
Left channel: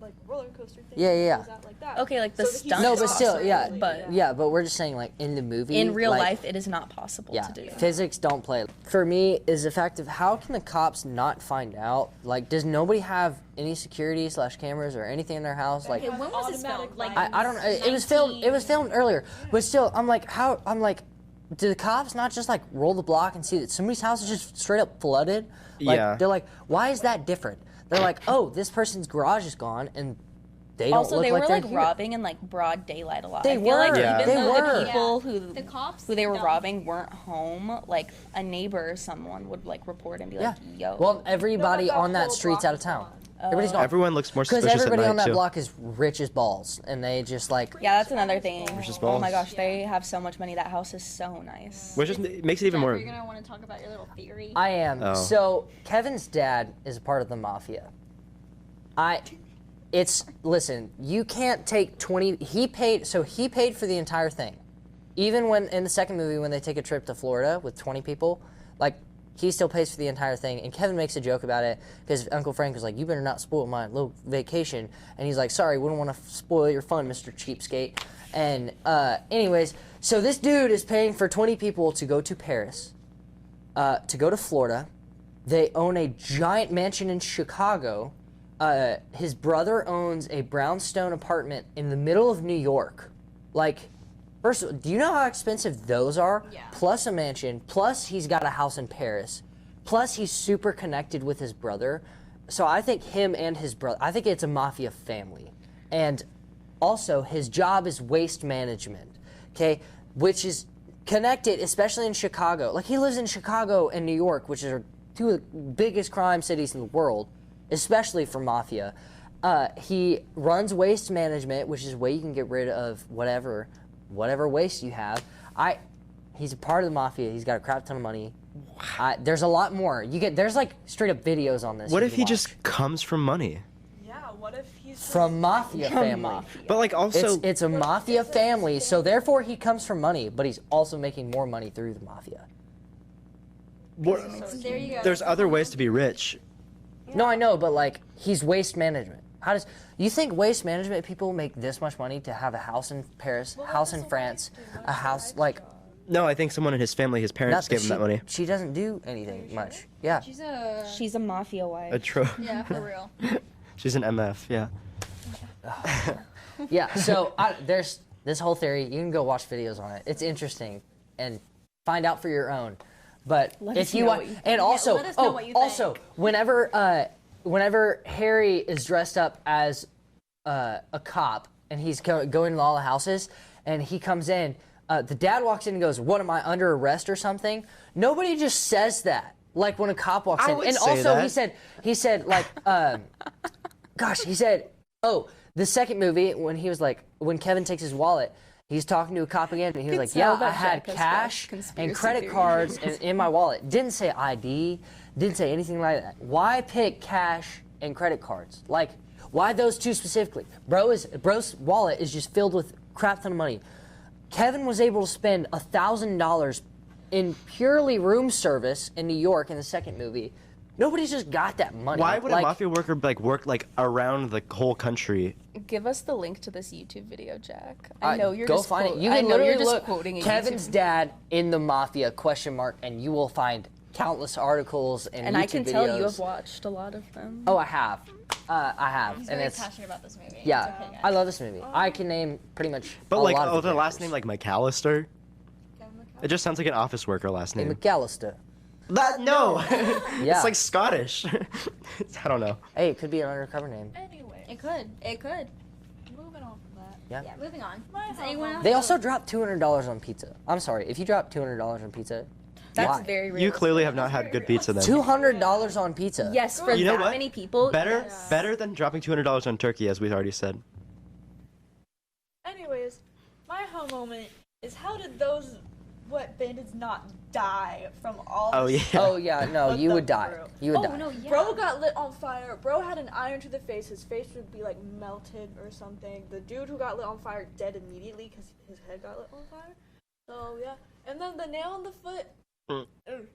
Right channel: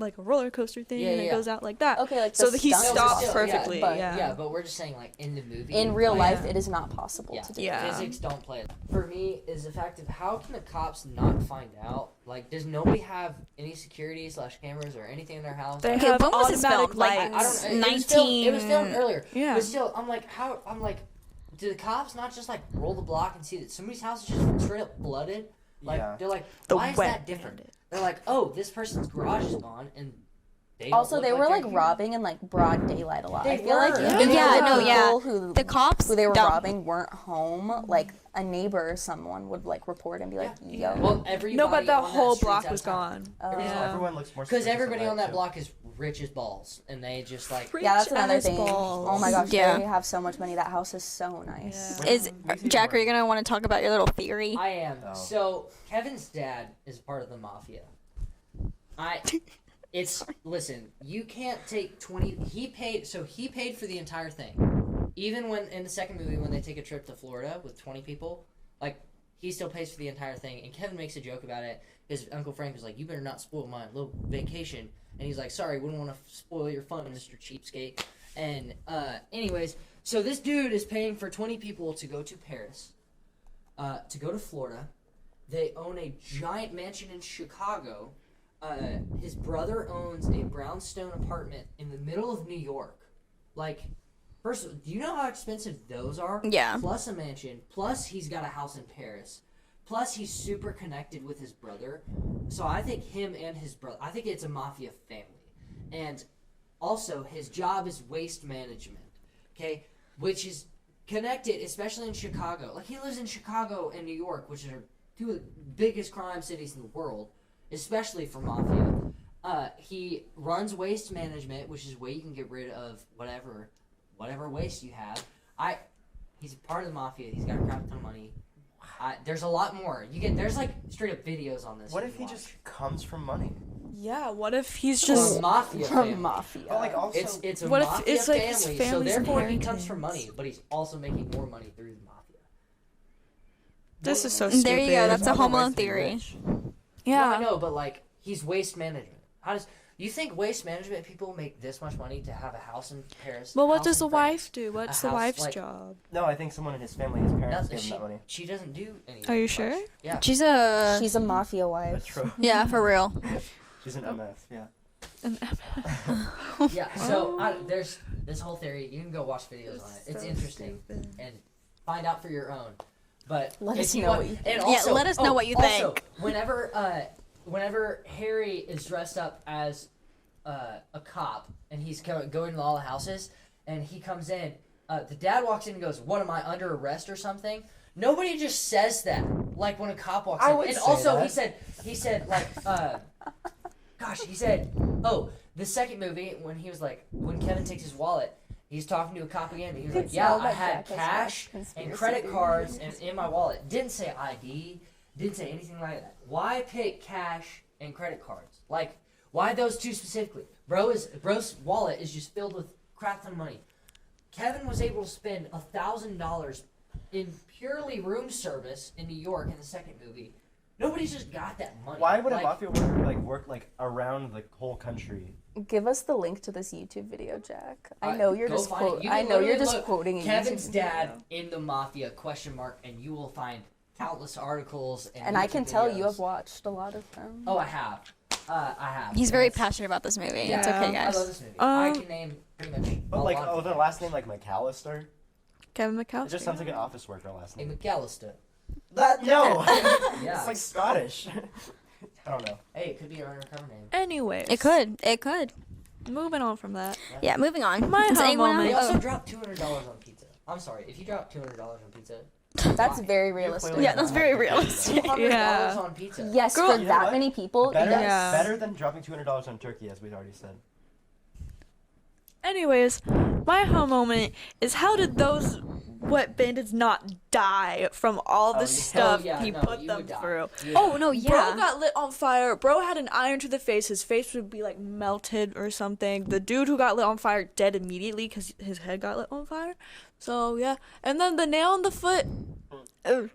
like a roller coaster thing. Yeah, and yeah. It goes out like that. Okay, like so the that he stunt. No, stops but still, perfectly. but we're just saying like in the movie. In real like, life, it is not possible Yeah, to do. Yeah. physics don't play. For me, is the fact of how can the cops not find out? Like, does nobody have any security / cameras or anything in their house? They Like, have when was this automatic filmed? Like, lights. I don't know. It was filmed earlier. Yeah. But still, I'm like, how? I'm like, do the cops not just like roll the block and see that somebody's house is just straight up flooded? Like, Yeah. They're like, The why is wet that different? They're like, oh, this person's garage is gone, and they don't Also, look they like were they're like here. robbing in like broad daylight a lot. They I feel like were. Yeah. even Yeah, the no, yeah. people who The cops who they were don't- robbing weren't home. Like a neighbor or someone would like report and be like, Yeah. "Yo, Well, No, but everybody that on that whole street's block out of was town. gone. Everybody's gone. Everyone looks more Because suspicious everybody at on night that too. block is rich as balls, and they just like. yeah, that's Rich another as thing." balls. Oh my gosh, Yeah. they have so much money. That house is so nice. Which Is makes it even Jack, more. are you gonna want to talk about your little theory? I am. Oh. So Kevin's dad is a part of the mafia. Listen, you can't take 20. He paid for the entire thing. Even when in the second movie when they take a trip to Florida with 20 people, like he still pays for the entire thing. And Kevin makes a joke about it because Uncle Frank was like, "You better not spoil my little vacation." And he's like, "Sorry, wouldn't want to spoil your fun, Mr. Cheapskate." And anyways, so this dude is paying for 20 people to go to Paris, to go to Florida. They own a giant mansion in Chicago. His brother owns a brownstone apartment in the middle of New York. Like, first of all, do you know how expensive those are? Yeah. Plus a mansion, plus he's got a house in Paris, plus he's super connected with his brother. So I think him and his brother, I think it's a mafia family. And also, his job is waste management, okay? Which is connected, especially in Chicago. Like, he lives in Chicago and New York, which are two of the biggest crime cities in the world, especially for mafia. He runs waste management, which is a way you can get rid of whatever waste you have. He's a part of the mafia. He's got a crap ton of money. There's a lot more. There's like straight up videos on this. What you if can he watch. just comes from money? Yeah. What if he's From just mafia family? Mafia. But like also, It's a What if mafia it's, like, his family, so family's therefore he comes from inheritance? money, but he's also making more money through the mafia. this is so There you stupid. go, there's that's a other Home ways Alone to be theory. rich. Yeah. No, I know, but like he's waste management. How does you think waste management people make this much money to have a house in Paris? Well, what house does in the France, wife do? What's a the house, wife's like- job? No, I think someone in his family, his parents gave him that money. She doesn't do anything. Are you much. sure? Yeah. She's a mafia wife. A tro- yeah, for real. She's an MF, yeah. Yeah. So there's this whole theory. You can go watch videos on it. It's interesting and find out for your own. But Let if us you know want, Yeah, and also, let us know what you also, think. whenever Harry is dressed up as a cop and he's going to all the houses and he comes in, the dad walks in and goes, "What, am I under arrest or something?" Nobody just says that. Like when a cop walks I in. would And say also that. he said like he said, oh, the second movie when Kevin takes his wallet, he's talking to a cop again, and he was like, "Yeah, I had cash and credit cards in my wallet." Didn't say ID, didn't say anything like that. Why pick cash and credit cards? Like, why those two specifically? Bro's wallet is just filled with crap ton of money. Kevin was able to spend $1,000 in purely room service in New York in the second movie. Nobody's just got that money. Why would like, a mafia worker like work like around the whole country? Give us the link to this YouTube video, Jack. I know you're go just find quote- it. You I can know you're literally just look quoting a Kevin's YouTube dad video. in the mafia ? And you will find countless articles and And YouTube I can tell you videos. have watched a lot of them. Oh, I have. I have. He's And very it's- passionate about this movie. Yeah, It's okay, guys. I love this movie. I can name pretty much. But a like, lot of oh, the different last name characters. like McAllister. Kevin McAllister. It just sounds like an office worker last name. McAllister. That no. Yeah. It's like Scottish. I don't know. Hey, it could be an undercover name. Anyways. It could. Moving on from that. Yeah, moving on. My Does home anyone moment. They else? also dropped $200 on pizza. I'm sorry, if you drop $200 on pizza, That's why? very realistic. You clearly Yeah, have not that's had very good real. pizza then. $200 Yeah. on pizza. Yes, Girl, for you know that what? many people. Better, yes. better than dropping $200 on turkey, as we've already said. Anyways, my home moment is how did those wet bandits not die from all Oh, the yeah. stuff Oh yeah, he no, put you them would die. through? You would Oh die. no, yeah. Bro got lit on fire. Bro had an iron to the face. His face would be like melted or something. The dude who got lit on fire dead immediately because his head got lit on fire. So yeah, and then the nail in the foot. I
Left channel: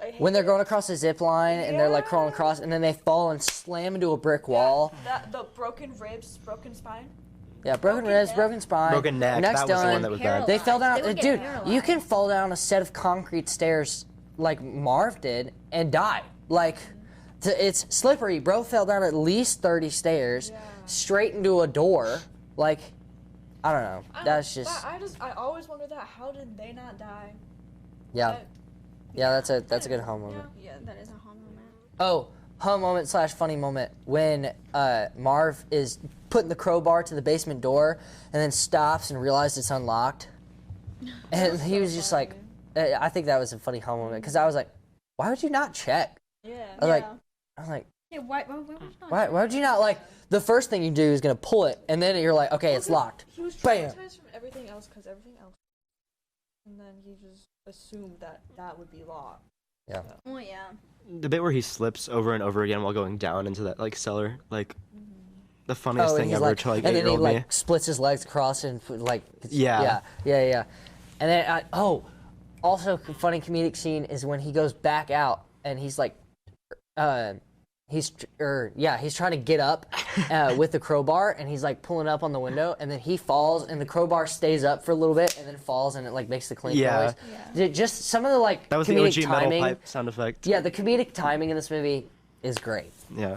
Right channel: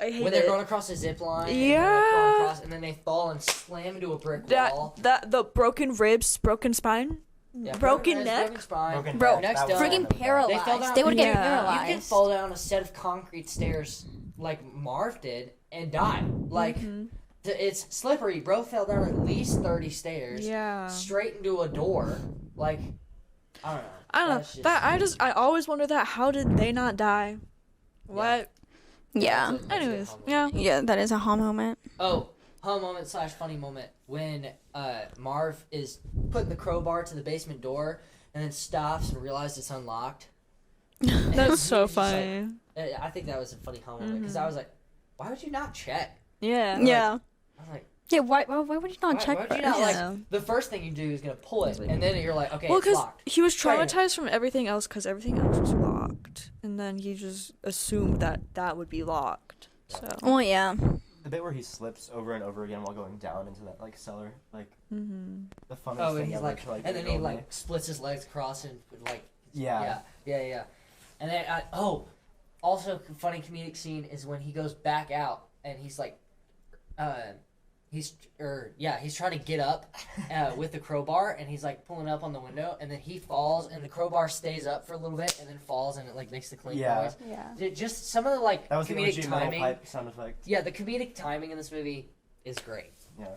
hate When they're it. going across a zip line and they're like crawling Yeah. across, and then they fall and slam into a brick that, wall. the broken ribs, broken spine. Yeah, broken broken ribs, neck. broken spine, Broken neck. neck's That was the done. one that was bad. They fell down. They would dude, get you can paralyzed. fall down a set of concrete stairs like Marv did and die. Like it's slippery. Bro fell down at least 30 stairs. Yeah. Straight into a door. Like I don't know. I don't That's know. just I always wonder that. How did they not die? Yeah. What? yeah. That's Yeah. a good Anyways, home yeah. moment. Yeah, that is a home moment. Oh, home moment / funny moment when Marv is putting the crowbar to the basement door and then stops and realizes it's unlocked. And That's he so was just like, funny. I think that was a funny home moment because I was like, why would you not check? Yeah. Like, Yeah. I was like, Yeah, why would you not check why would you first? not like Yeah. the first thing you do is gonna pull it and then you're like, okay, Well, it's 'cause locked. he was Bam. traumatized from everything else because everything else was locked, and then he just assumed that that would be locked. Yeah. So. Well, yeah. The bit where he slips over and over again while going down into that like cellar, like the funniest Oh, and thing he's ever like, to like and then he 8-year-old me. like splits his legs across and like, Yeah. yeah. And then also funny comedic scene is when he goes back out and he's like, he's trying to get up with the crowbar and he's like pulling up on the window and then he falls and the crowbar stays up for a little bit and then falls and it like makes the clink Yeah. noise. Just some of the like That was the comedic OG metal timing. pipe sound effect. Yeah, the comedic timing in this movie is great. Yeah.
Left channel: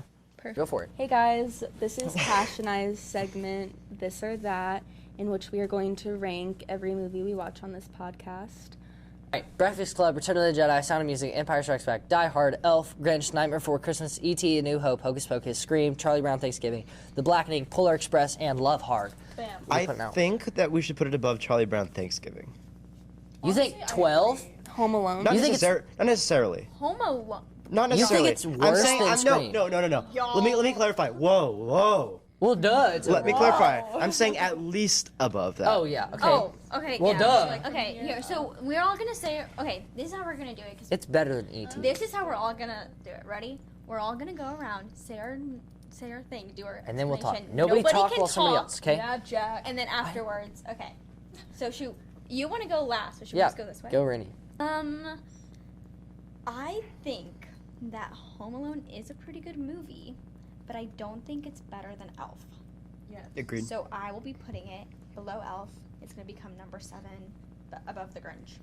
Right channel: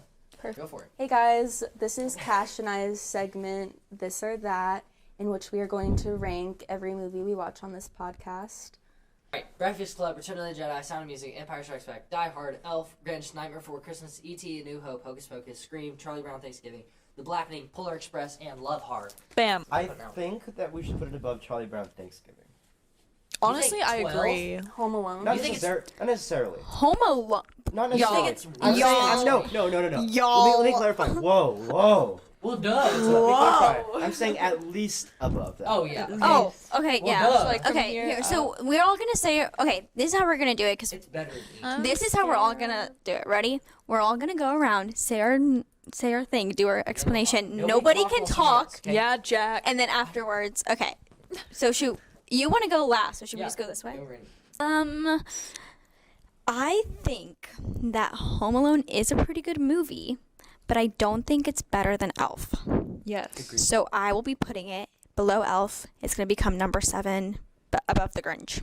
Go for it. Hey guys, this is Cash and I's segment, This or That, in which we are going to rank every movie we watch on this podcast. Alright, Breakfast Club, Return of the Jedi, Sound of Music, Empire Strikes Back, Die Hard, Elf, Grinch, Nightmare Before Christmas, E.T., A New Hope, Hocus Pocus, Scream, Charlie Brown Thanksgiving, The Blackening, Polar Express, and Love Hard. Bam. I put it out. think that we should put it above Charlie Brown Thanksgiving. You think Honestly, I 12? agree. Home Alone. Not, You think not necessarily. Home Alone. Not You think necessarily. it's I'm worse saying, than no, Scream? no. Y'all. Let me clarify. Whoa. Well, duh. It's Let me clarify. I'm saying at least above that. Oh, yeah. Okay. Oh, okay, Well, yeah. duh. So, like, okay, here. So we're all gonna say, okay, this is how we're gonna do it, because It's better than E.T. this is how we're all gonna do it. Ready? We're all gonna go around, say our thing, do our And then we'll talk. explanation. Nobody Nobody talk can while somebody talk, else, okay? Yeah, Jack. and then afterwards, okay. So shoot, you want to go last, so should we Yeah. just go this way? Go, Rennie. I think that Home Alone is a pretty good movie, but I don't think it's better than Elf. Yes. Agreed. So I will be putting it below Elf. It's gonna become number 7, but above The Grinch.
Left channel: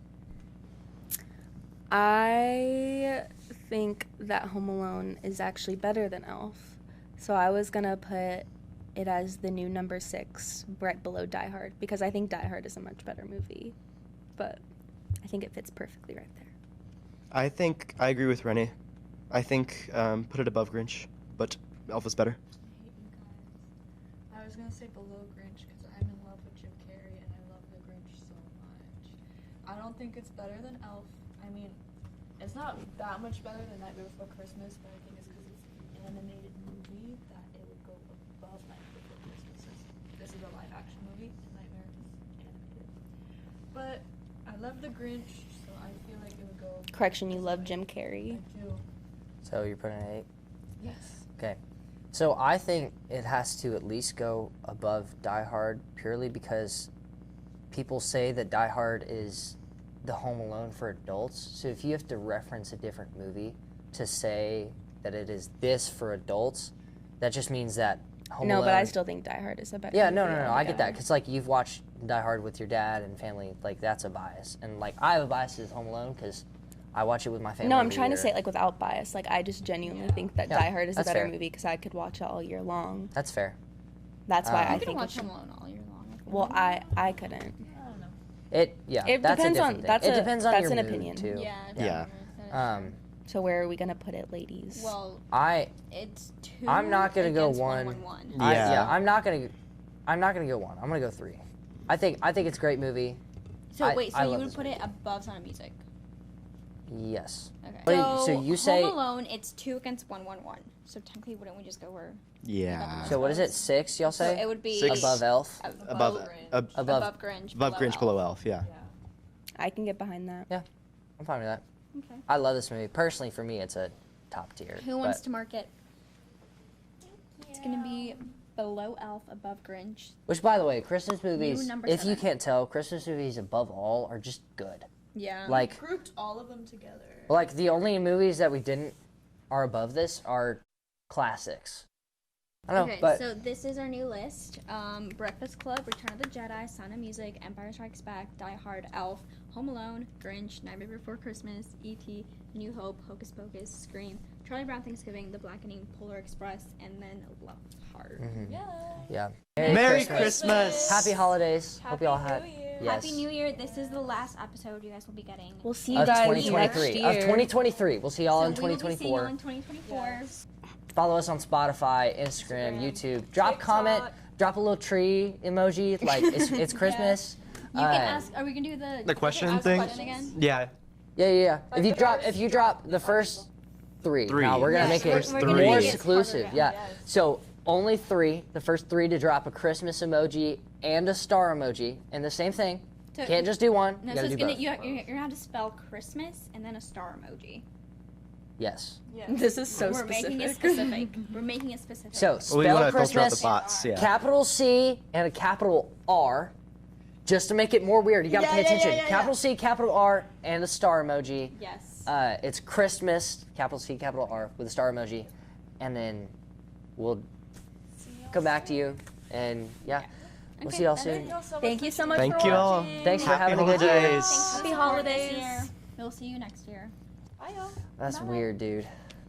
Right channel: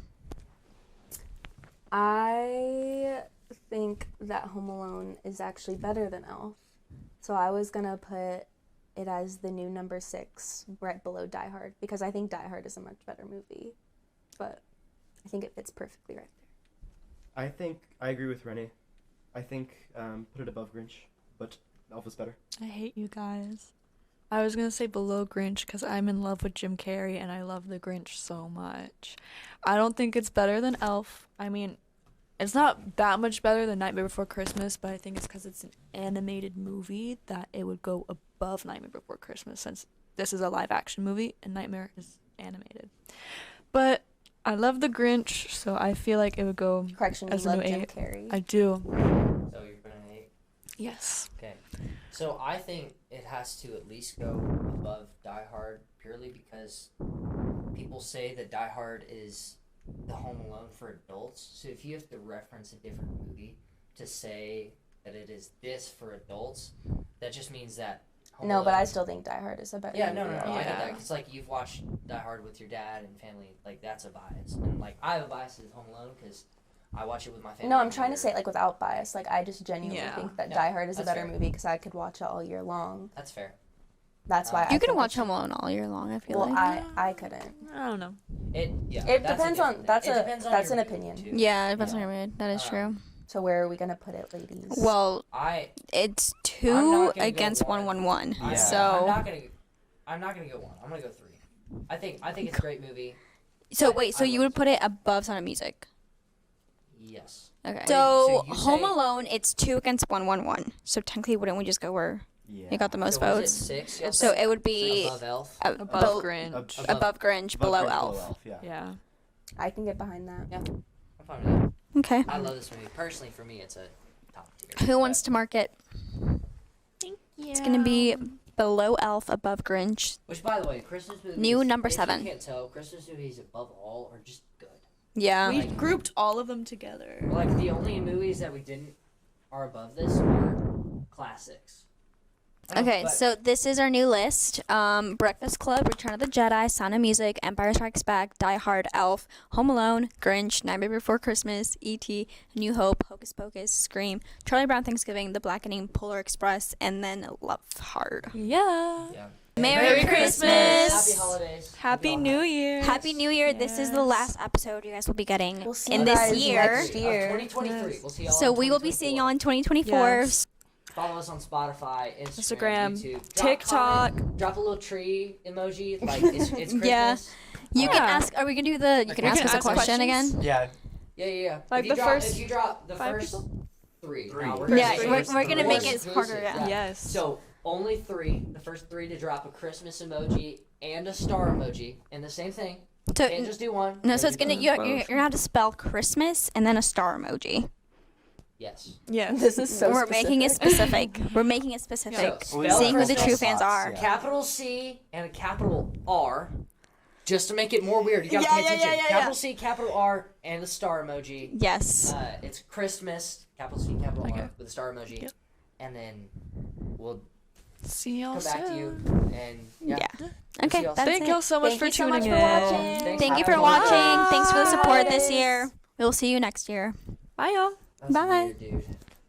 I think that Home Alone is actually better than Elf. So I was going to put it as the new number 6, right below Die Hard, because I think Die Hard is a much better movie. But I think it fits perfectly right there. I think I agree with Rennie. I think put it above Grinch, but Elf is better. I hate you guys. I was gonna say below Grinch because I'm in love with Jim Carrey and I love the Grinch so much. I don't think it's better than Elf. I mean, it's not that much better than Nightmare Before Christmas, but I think it's because it's an animated movie that it would go above Nightmare Before Christmas, since this is a live action movie and Nightmare is animated. But I love the Grinch, so I feel like it would go Correction, you as a love new Jim 8. Carrey. I do. So you're putting an 8? Yes. Okay. So I think it has to at least go above Die Hard purely because people say that Die Hard is the Home Alone for adults. So if you have to reference a different movie to say that it is this for adults, that just means that Home No, Alone. but I still think Die Hard is a better. Yeah, no, movie. I get that, because like you've watched Die Hard with your dad and family, like that's a bias, and like I have a bias to Home Alone because I watch it with my family. No, I'm every trying to year. say it like without bias. Like I just genuinely Yeah. think that Yeah, Die Hard is a that's better fair. movie because I could watch it all year long. That's fair. That's why You I You can think watch it's- Home Alone all year long. I feel Well, like. I couldn't. I don't know. It It that's depends a on- different thing. that's It a- depends on that's your an mood, opinion. too. Yeah, it doesn't Yeah. matter. That is true. So where are we gonna put it, ladies? Well, I it's I'm not 2 gonna go against one. 1-1-1. Yeah. So I'm not gonna go 1. I'm gonna go 3. I think it's a great movie. So I- wait, I so love you would this put it above Sound of Music? Yes. Okay. Wait, so you say- Home Alone, it's 2 against 1-1-1. So technically, wouldn't we just go where Yeah. you got the most So what is it? votes? 6? Y'all So say? it would be Six. Above Elf. Above Grinch. above Grinch, Above below Grinch, Elf. below Elf. Yeah. Yeah. I can get behind that. Yeah, I'm fine with that. Okay. I love this movie. Personally, for me, it's a top tier. Who wants but- to mark it? It's gonna be below Elf, above Grinch. Which, by the way, Christmas movies. New number if 7. you can't tell, Christmas movies above all are just good. Yeah. Like- We grouped all of them together. Like the only movies that we didn't are above this are classics. I don't know, Okay, but- so this is our new list. Breakfast Club, Return of the Jedi, Sound of Music, Empire Strikes Back, Die Hard, Elf, Home Alone, Grinch, Nightmare Before Christmas, E.T., New Hope, Hocus Pocus, Scream, Charlie Brown Thanksgiving, The Blackening, Polar Express, and then Love Hard. Yeah. yeah. Merry Christmas! Happy holidays. Happy all New Year. Happy New Year. This is the Yes. last episode you guys will be getting We'll see in you this guys year. next year. Of 2023. Yes. We'll see y'all So in we will be seeing you 2024. on 2024. Yes. Follow us on Spotify, Instagram, Instagram, YouTube. Drop TikTok. comment. Drop a little tree emoji. Like it's Christmas. You can Uh, ask. Are we gonna do the? You can ask question us a and question questions? again. Yeah. Yeah. Like if you the drop, first if you drop the 5 first people? 3, Three. now we're gonna Yeah, make we're it gonna more make it exclusive. harder, Yeah. Yes. So only 3. The first 3 to drop a Christmas emoji and a star emoji, and the same thing. So Can't just do one. no, You so gotta it's do gonna both. you're gonna have to spell Christmas and then a star emoji. Yes. Yeah. This is so We're specific. making it specific. We're making it specific. So We spell wanna Seeing who the fill true those fans spots, are. yeah. capital C and a capital R, just to make it more weird. You gotta pay attention. Capital C, capital R, and the star emoji. Yes. It's Christmas, capital C, capital R, with a star emoji, Yep. and then we'll See y'all come back to soon. you. And yeah, Yeah. we'll see Okay, y'all that's soon. Thank it. y'all so much Thank for you so tuning much in. for Thank you. watching. Thanks Thank for you for having watching. us. Thanks for the support this Holidays. year. We'll see you next year. Bye, y'all. That's Bye. weird, dude.